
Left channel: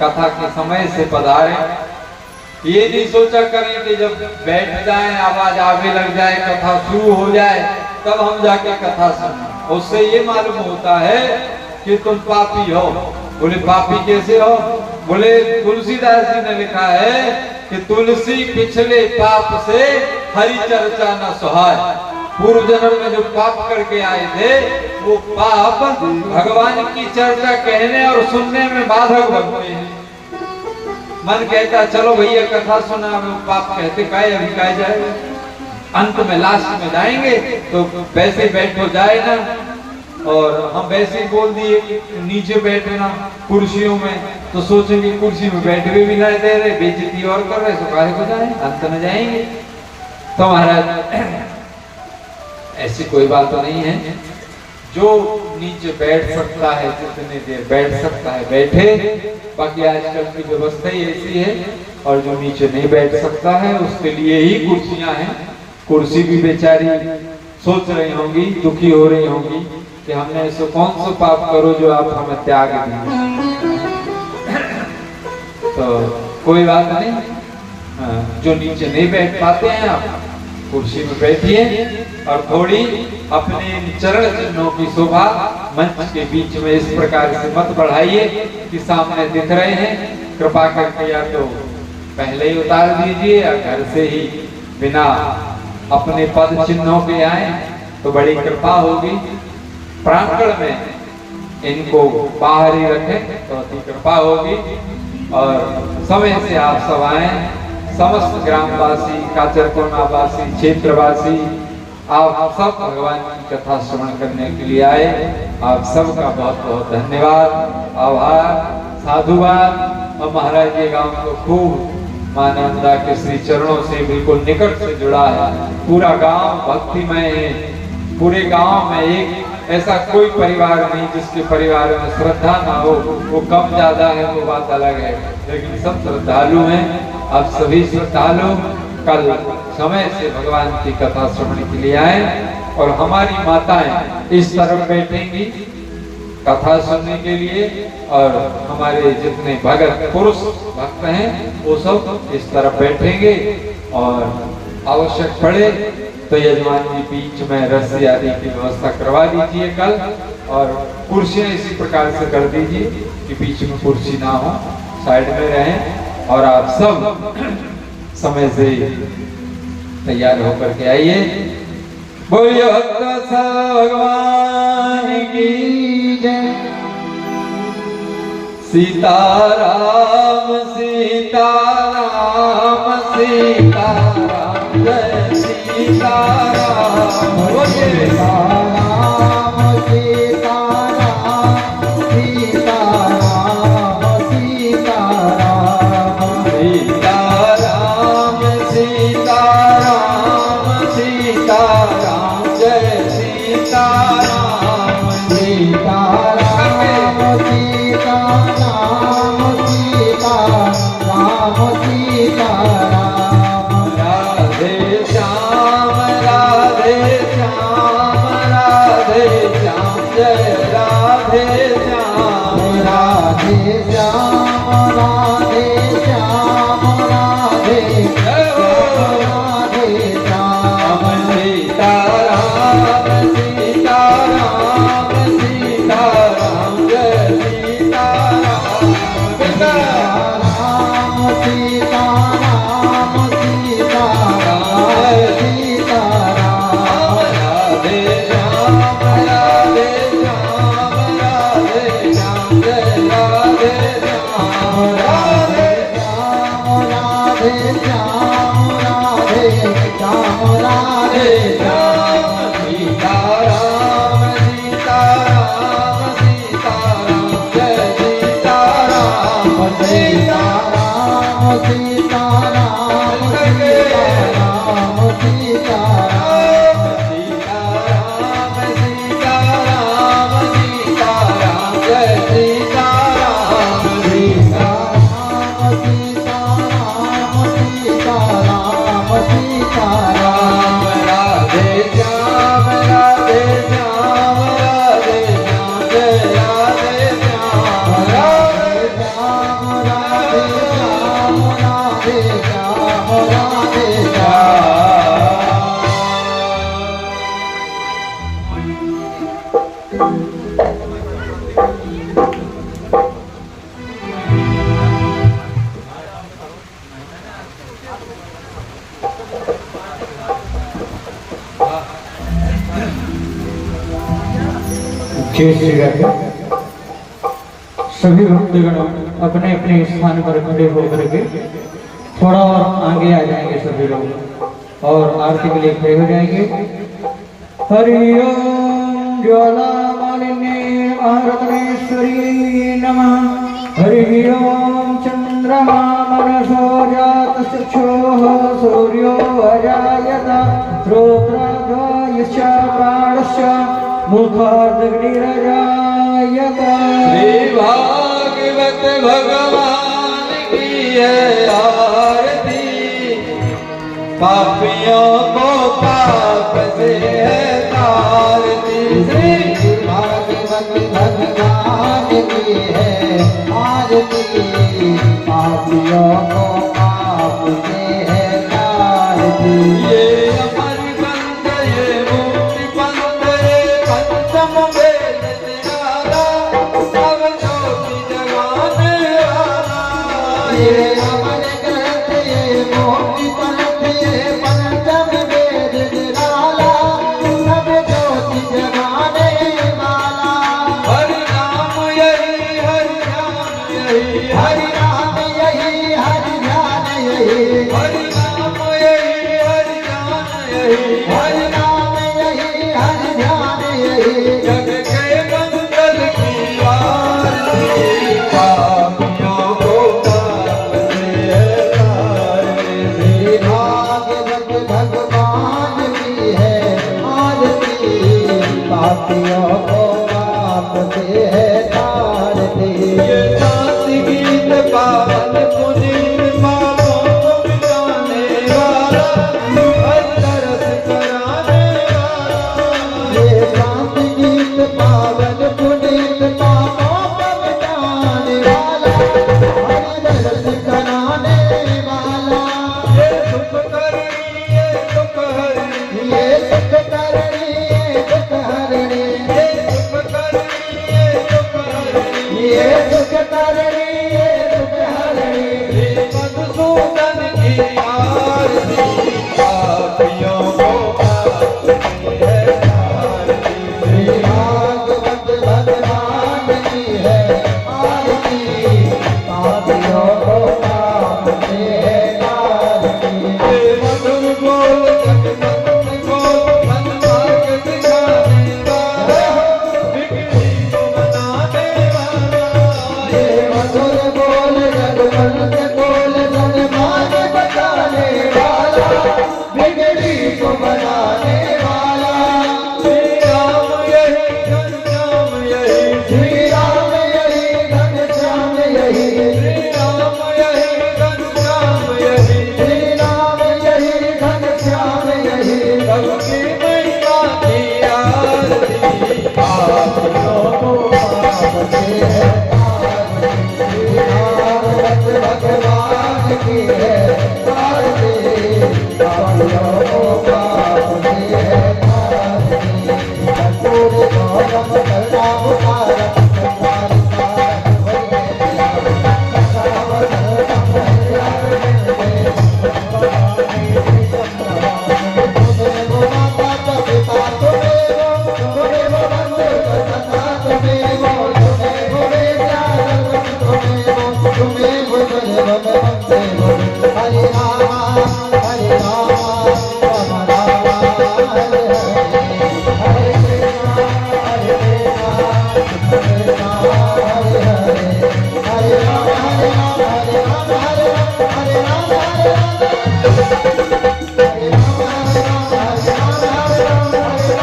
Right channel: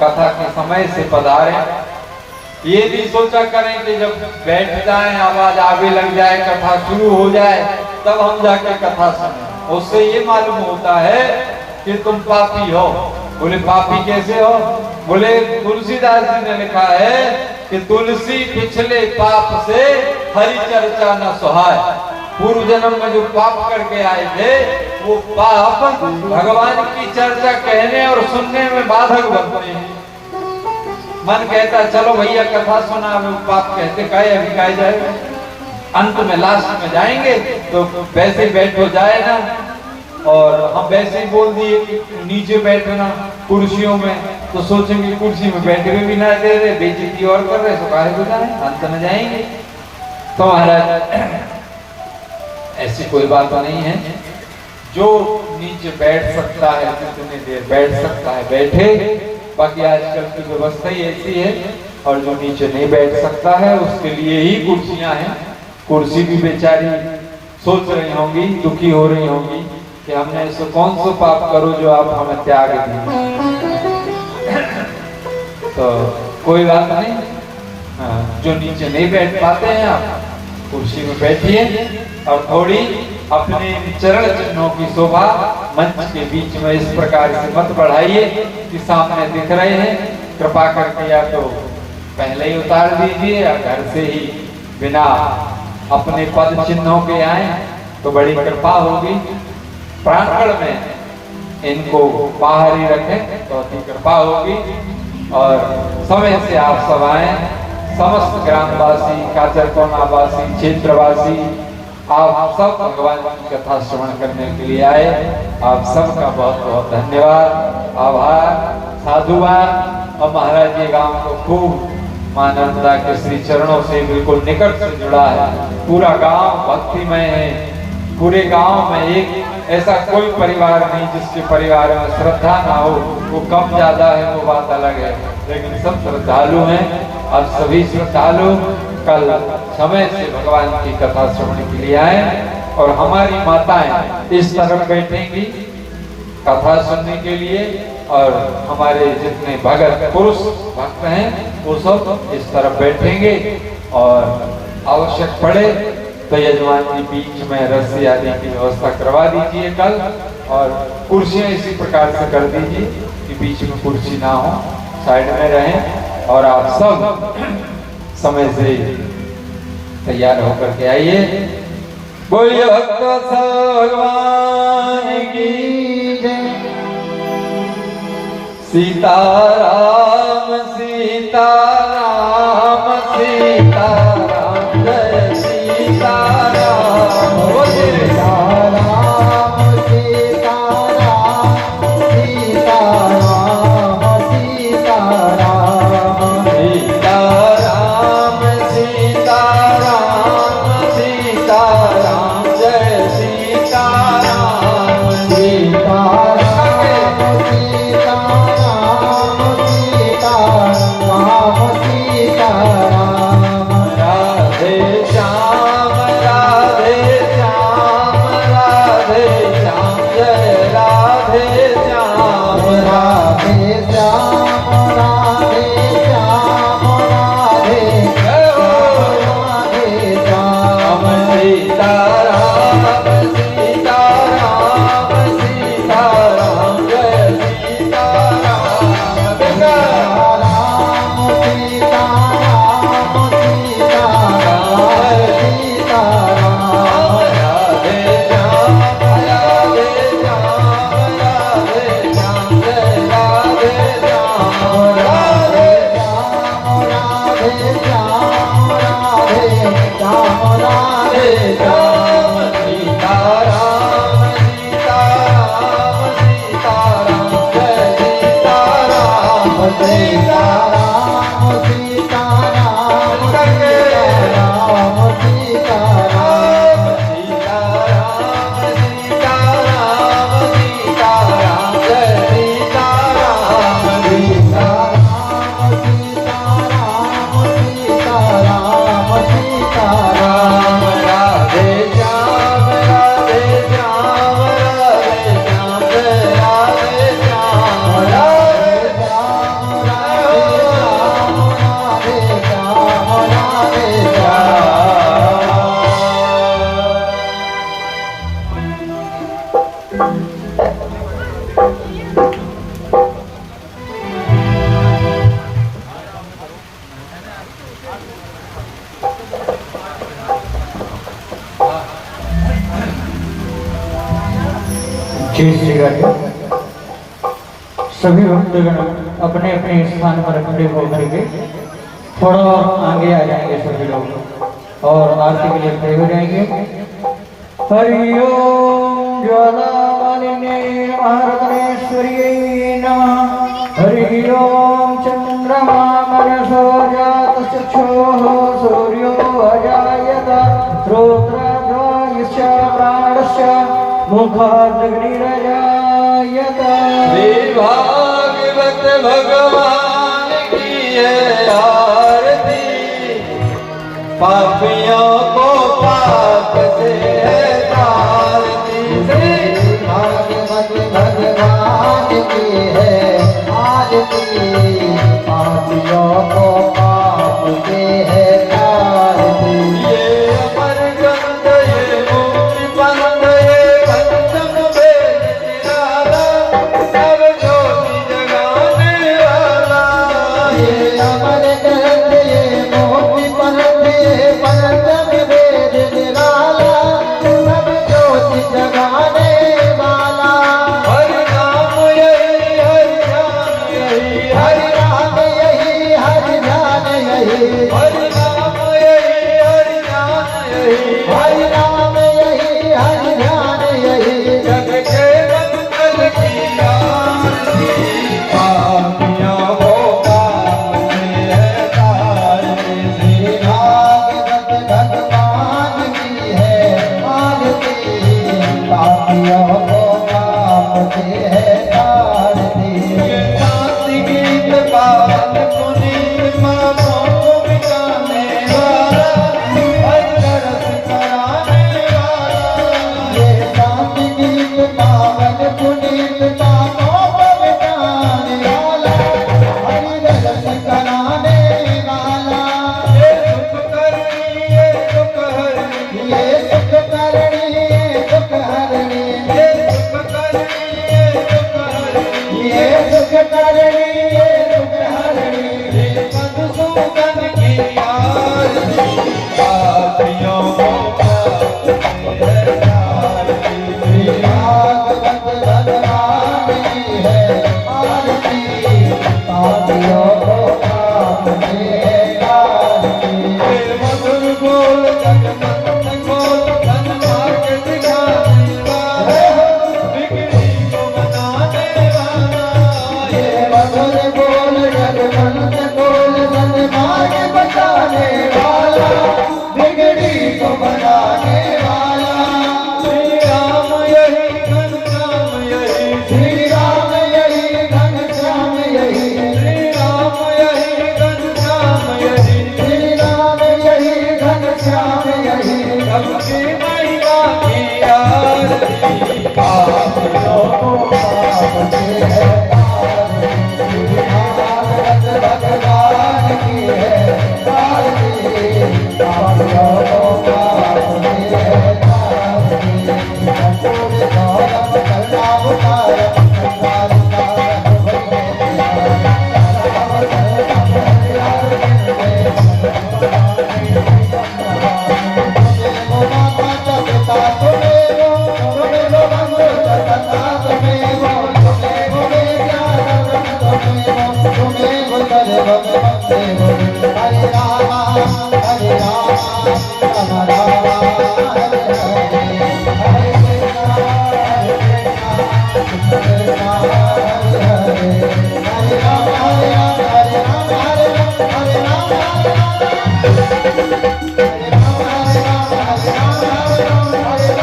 कथा के समय से पधारे। ये नहीं सोचा करें कि जब बैठ जाए, आवाज आगे लग जाए, कथा शुरू हो जाए, तब हम जाके कथा सुने। उससे ये मालूम होता है कि तुम पापी हो। बोले पापी कैसे हो? बोले तुलसीदास जी ने लिखा है कि तुलसी पिछले पाप से हरि चर्चा न सुहाय। पूर्व जन्म में जो पाप करके आए थे वो पाप भगवान की चर्चा कहने और सुनने में बाधक बनते हैं। मन कहता चलो भैया कथा सुना, वो पाप कहते काहे अभी काहे जाएगा, अंत में लास्ट में जाएंगे तो वैसे ही बैठ हो जाए ना। और हम वैसे ही बोल दिए कि नीचे बैठना कुर्सियों में, तो सोचेंगे कुर्सी में बैठ के भी ना दे रहे, बेइज्जती और कर रहे, तो काहे को जाए, अंत में जाएंगे। तो महाराज ऐसी कोई बात नहीं है। जो नीचे बैठ सकता है जितनी देर बैठ सकता है बैठे, बाकी आजकल की व्यवस्था ही ऐसी है। और जो नीचे नहीं बैठ सकता है उसके लिए ही कुर्सियां हैं। कुर्सी भी बेचारी सोच रही होंगी, दुखी हो रही होंगी कि हमने ऐसे कौन सा पाप करो जो आप हमें त्याग दिए। तो कोई बात नहीं, जो नीचे नहीं बैठ पाते हैं आप कुर्सी में बैठिए और थोड़ी अपने चरण चिन्हों की शोभा मंच के बीच में इस प्रकार से मत बढ़ाइए कि सामने दिख रहे हैं। कृपा करके या तो पहले ही उतार दीजिए या घर से ही बिना अपने पद चिन्हों के आए तो बड़ी कृपा होगी। प्रांगण में इनको बाहर ही रखें तो अति कृपा होगी। और समय से आप सब आए, समस्त ग्रामवासी, काचरकोनावासी, क्षेत्रवासी, आप सब भगवान की कथा श्रवण करने के लिए आए। आप सबका बहुत बहुत धन्यवाद, आभार, साधुवाद। और महाराज ये गांव को खूब मानंदा के श्री चरणों से बिल्कुल निकट से जुड़ा है। पूरा गांव भक्तिमय है। पूरे गांव में एक ऐसा कोई परिवार नहीं जिसके परिवार में श्रद्धा ना हो। वो कम ज्यादा है वो बात अलग है, लेकिन सब श्रद्धालु हैं। आप सभी श्रद्धालु कल समय से भगवान की कथा सुनने के लिए आए। और हमारी माताएं इस तरफ बैठेंगी कथा सुनने के लिए, और हमारे जितने भगत पुरुष भक्त हैं वो सब इस तरफ बैठेंगे। और आवश्यक पड़े तो यजमान जी बीच में रस्सी आदि की व्यवस्था करवा दीजिए कल। और कुर्सियां इसी प्रकार से कर दीजिए कि बीच में कुर्सी ना हो, साइड में रहें। और आप सब समय से तैयार होकर के आइए। बोलिए भक्त भगवान की जय। सीताराम सीताराम सीताराम जय सीताराम। बोलिए सीताराम सीताराम सीताराम सीताराम सीताराम सीताराम सीताराम जय सीताराम। सीताराम सीताराम सीताराम राधे श्याम राधे श्याम राधे श्याम जय राधे श्याम। राधे श्याम राधे श्याम राधे राधे श्याम। सीताराम सीताराम सीताराम जय सीताराम। सीताराम सीताराम सीताराम सीताराम राधे श्याम राधे श्याम राधे शेष जगह पे सभी भक्तगण अपने अपने स्थान पर खड़े होकर के थोड़ा और आगे आ जाएंगे सभी लोग और आरती के लिए खड़े हो जाएंगे। हरि ओम ज्वालामालिनी महारत्नेश्वर्यै नमः। हरि ओम चंद्रमा मनसो जातचक्षुः सूर्यो अजायत श्रोत्राभ्यायश्च प्राणश्च मुखादग्निरजायत। श्री भागवत भगवान की है आरती, पापियों को पाप से है तारती। श्री भागवत भगवान की है आरती, पापियों को पाप से है तारती। ये अमर ग्रंथ ये मुक्ति पंथ ये पंचम वेद निराला, नव ज्योति जगाने वाला। ये अमर ग्रंथ ये मोक्ति पंथ ये पंचम वेद निराला, नव ज्योति जगाने वाला। हरि नाम यही हरि ध्यान यही हरि नाम यही हरि ध्यान यही, हरि नाम यही हरि ध्यान यही। हरि नाम यही हरि ध्यान यही। जग के मंगल की आरती, पापियों को पाप से है तारती। श्री भागवत भगवान की है आरती, पापियों को पाप से है तारती। ये शांति गीत पावन पुनीत पापों को मिटाने वाला, हरि रस कराने वाला। ये शांति गीत पावन पुनीत पापों को मिटाने वाला, हरि रस कराने वाला। ये सुख करनी ये दुख हरनी, ये सुख करणी ये दुख हरणी, ये सुख करनी ये दुख हरनी। ये सुख करणी ये दुख हरणी। श्री मधुसूदन की आरती, पापियों को पाप से है तारती। श्री भागवत भगवान की है आरती, पापियों को पाप से है तारती। ये मधुर बोल जगमंत बोल धन मार्ग दिखाने वाला, बिगड़ी को बनाने वाला। ये मधुर बोल जगमंत बोल धन मार्ग बताने वाला, बिगड़ी को बनाने वाला। श्री राम यही घनश्याम यही, श्री राम यही घनश्याम यही, श्री राम यही घनश्याम यही। श्री राम यही घनश्याम यही। सबकी महिमा की आरती, पापियों को पाप से है तारती। श्री भागवत भगवान की है आरती, पापियों को पाप से है तारती। कपूर गौरव करुणावतार, संसार सार हरे रामा हरे रामा राम राम हरे हरे, हरे कृष्णा हरे कृष्णा हरे हरे, हरे राम हरे राम हरे राम हरे राम, हरे राम हरे राम हरे राम, हरे राम हरे राम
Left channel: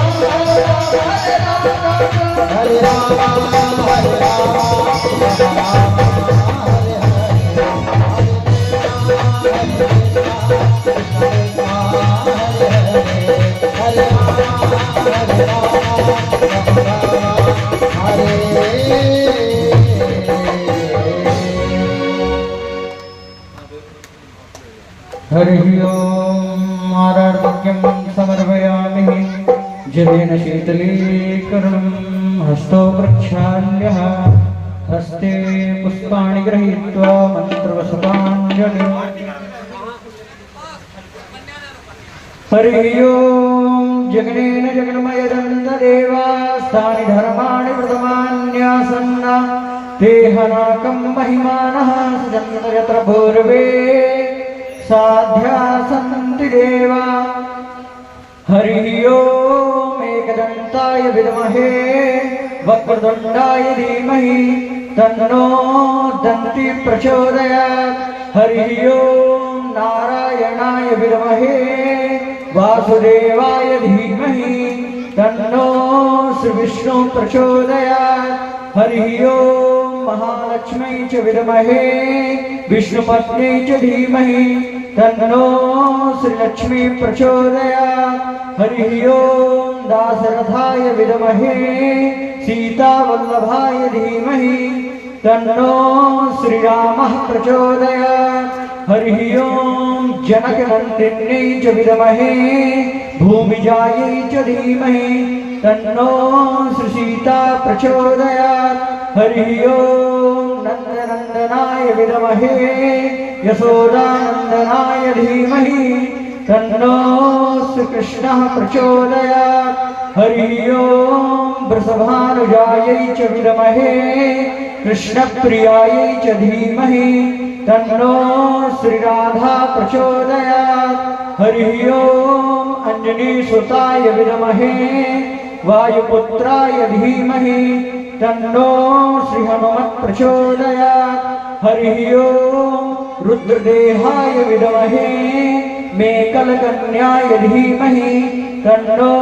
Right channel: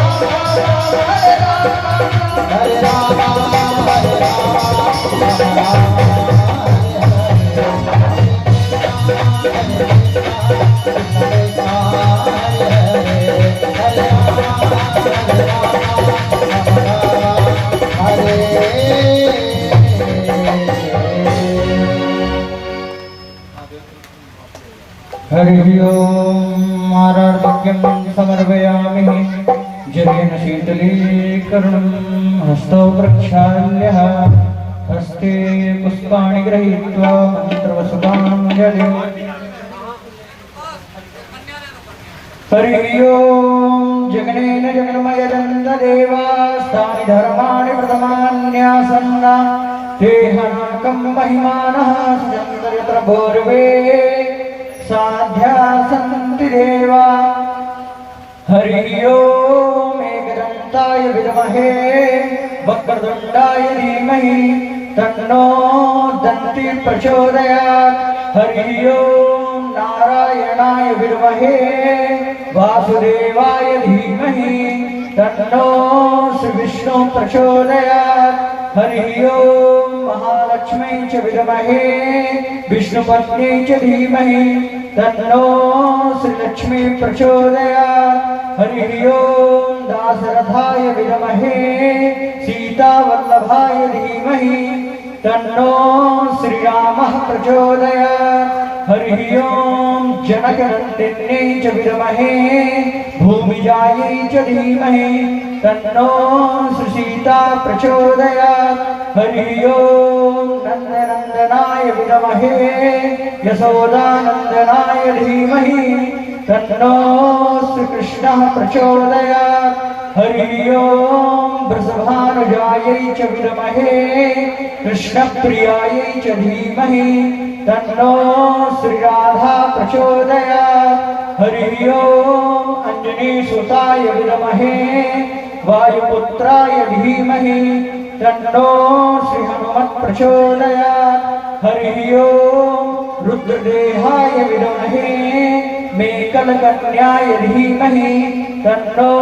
हरे राम, हरे राम हरे राम, हरे राम हरे राम हरि ओम आराधक्यं समर्पयामि जलेन शीतलीकरणं हस्तो प्रक्षाल्यः हस्ते पुष्पाणि गृहीत्वा मन्त्रवसुताञ्जलिं हरि ओम जगनेन जगन्मयदन्तदेवास्तानि धर्माणि वर्तमान्यासन्ना तेहनाकं महिमानः यत्र भूर्वे साध्या सन्ति देवा। हरि ओम एकदन्ताय विद्महे वक्रतुण्डाय धीमहि तन्नो दन्ति प्रचोदयात्। हरि ओम नारायणाय विद्महे वासुदेवाय धीमहि तन्नो श्री विष्णु प्रचोदयात्। हरि ओम महालक्ष्मी च विद्महे विष्णुपत्नी च धीमहि तन्नो श्री लक्ष्मी प्रचोदयात्। हरि ओम दासरथाय विद्महे सीतावल्लभाय धीमहि तन्नो श्री रामः प्रचोदयात्। हरि ओम जनकनन्दिन्यै च विद्महे भूमिजायै च धीमहि तन्नो श्री सीता प्रचोदयात्। हरि ओम नन्दनन्दनाय विद्महे यशोदानन्दनाय धीमहि तन्नो श्री कृष्णः प्रचोदयात्। हरि ओम वृषभानुजायै च विद्महे कृष्णप्रियायै च धीमहि तन्नो श्री राधा प्रचोदयात्। हरि ओम अंजनीसुताय विद्महे वायुपुत्राय धीमहि तन्नो श्री हनुमत् प्रचोदयात्। हरि ओम रुद्रदेहाय विद्महे मेकलकन्याय धीमहि तन्नो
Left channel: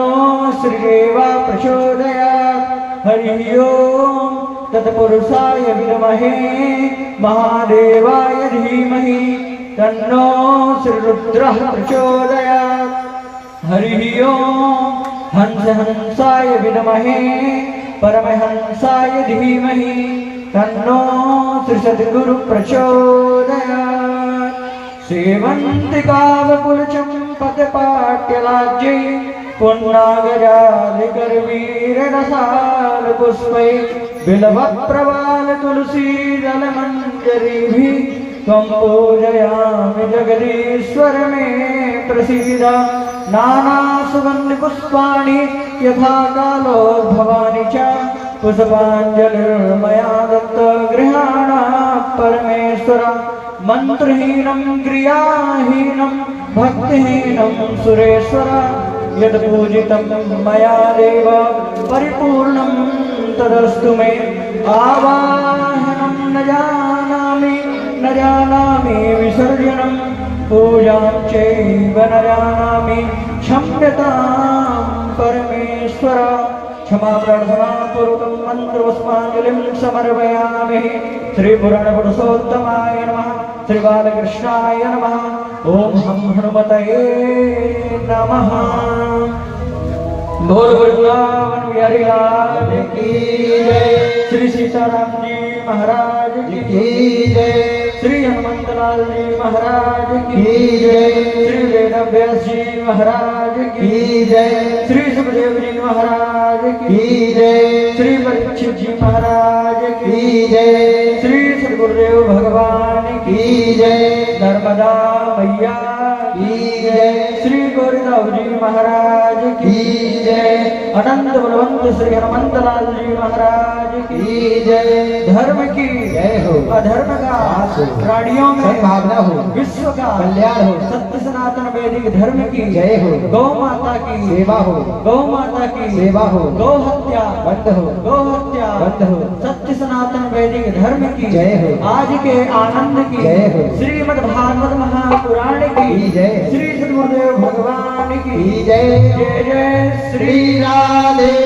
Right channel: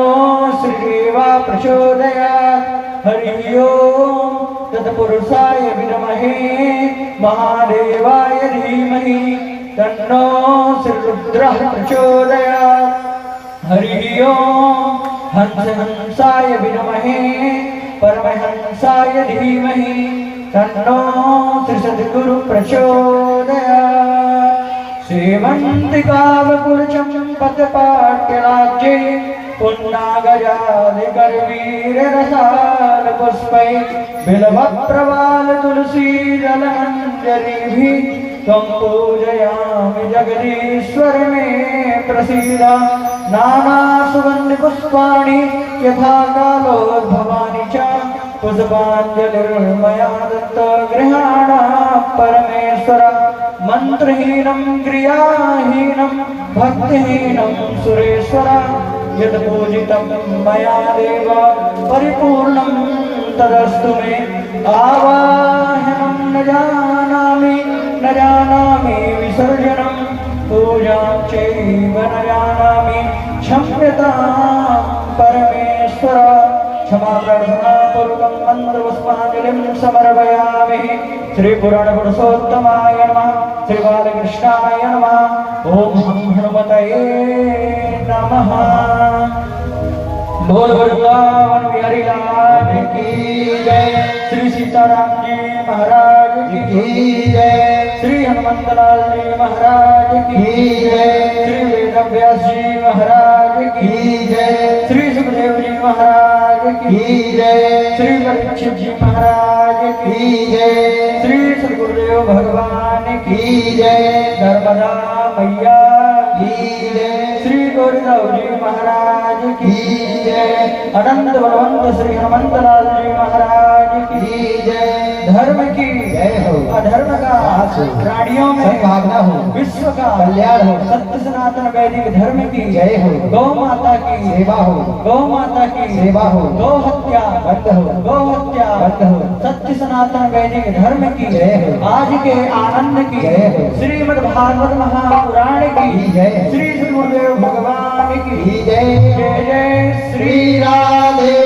श्री देवा प्रचोदयात्। हरि ओम तत्पुरुषाय विद्महे महादेवाय धीमहि तन्नो श्री रुद्रः प्रचोदयात्। हरि ओम हंसाय विद्महे परमहंसाय धीमहि तन्नो श्री सद्गुरु प्रचोदयात्। सेवन्तिकावकुलचम्पकपाट्यराज्ये पुन्नागजादिगर्वीररसालपुष्पै बिल्वप्रवालतुलसीदलमञ्जरीभिः त्वं पूजयामि जगदीश्वर मे प्रसीद। नानासुगन्धिपुष्पाणि यथा कालोद्भवानि च पुष्पाञ्जलिर्मया दत्तगृहाण परमेश्वर। मन्त्रहीनं क्रियाहीनं भक्तिहीनं सुरेश्वर यत्पूजितं मया देव परिपूर्णं तदस्तु मे। आवाहनं न जानामि विसर्जनं पूजां चैव न जानामि क्षम्यतां परमेश्वर। क्षमा प्रार्थना पूर्वकं मन्त्रपुष्पाञ्जलिं समर्पयामि। श्री पुराणपुरुषोत्तमाय नमः। श्री बालकृष्णाय नमः। ओम हम हनुमतये नमः। बोल वृंदावन बिहारी लाल की जय। श्री सीताराम जी महाराज की जय। श्री हनुमंतलाल जी महाराज की जय। श्री वेदव्यास जी महाराज की जय। श्री सुखदेव जी महाराज की जय। श्री परीक्षित जी महाराज की जय। श्री सद्गुरुदेव भगवान की जय। नर्मदा मैया की जय। श्री गौरीदास जी महाराज की जय। अनंत बलवंत श्री हनुमंतलाल जी महाराज की जय। धर्म की जय हो। अधर्म का प्राणियों में भावना हो। विश्व का कल्याण हो। सत्य सनातन वैदिक धर्म की जय हो। गौ माता की सेवा हो। गौ माता की सेवा हो। गौ हत्या बंद हो। गौ हत्या बंद हो। सत्य सनातन वैदिक धर्म की जय हो। आज के आनंद की जय हो। श्रीमद् भागवत महापुराण की जय। श्री गुरुदेव भगवान की जय। जय जय श्री राधे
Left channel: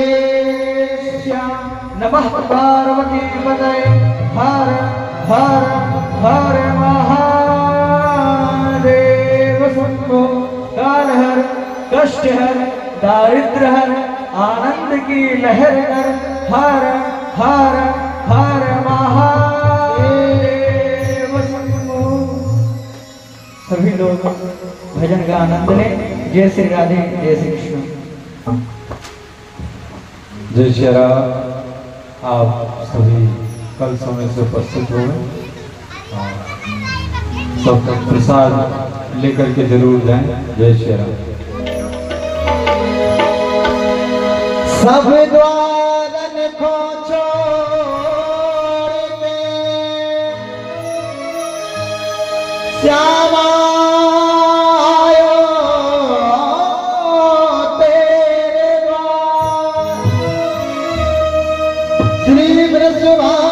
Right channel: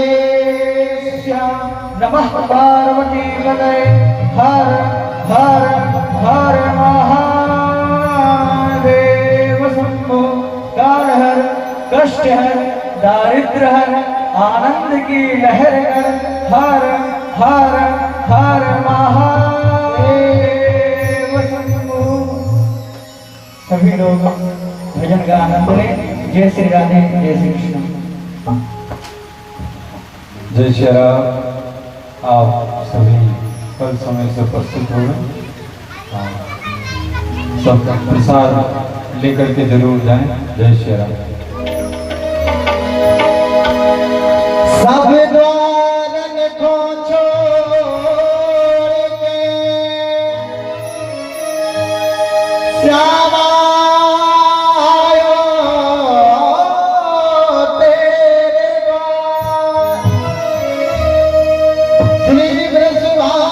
श्याम। नमः पार्वती पतये। हर हर हर महादेव शंभो। काल हर कष्ट हर दारिद्र हर आनंद की लहर कर। हर हर हर महादेव शंभो। सभी लोग भजन का आनंद लें। जय श्री राधे जय श्री कृष्ण। जय श्री राम। आप सभी कल समय से उपस्थित हो गए। सब प्रसाद लेकर के जरूर जाएं। जय श्री राम। सब द्वारन को श्री वृषभा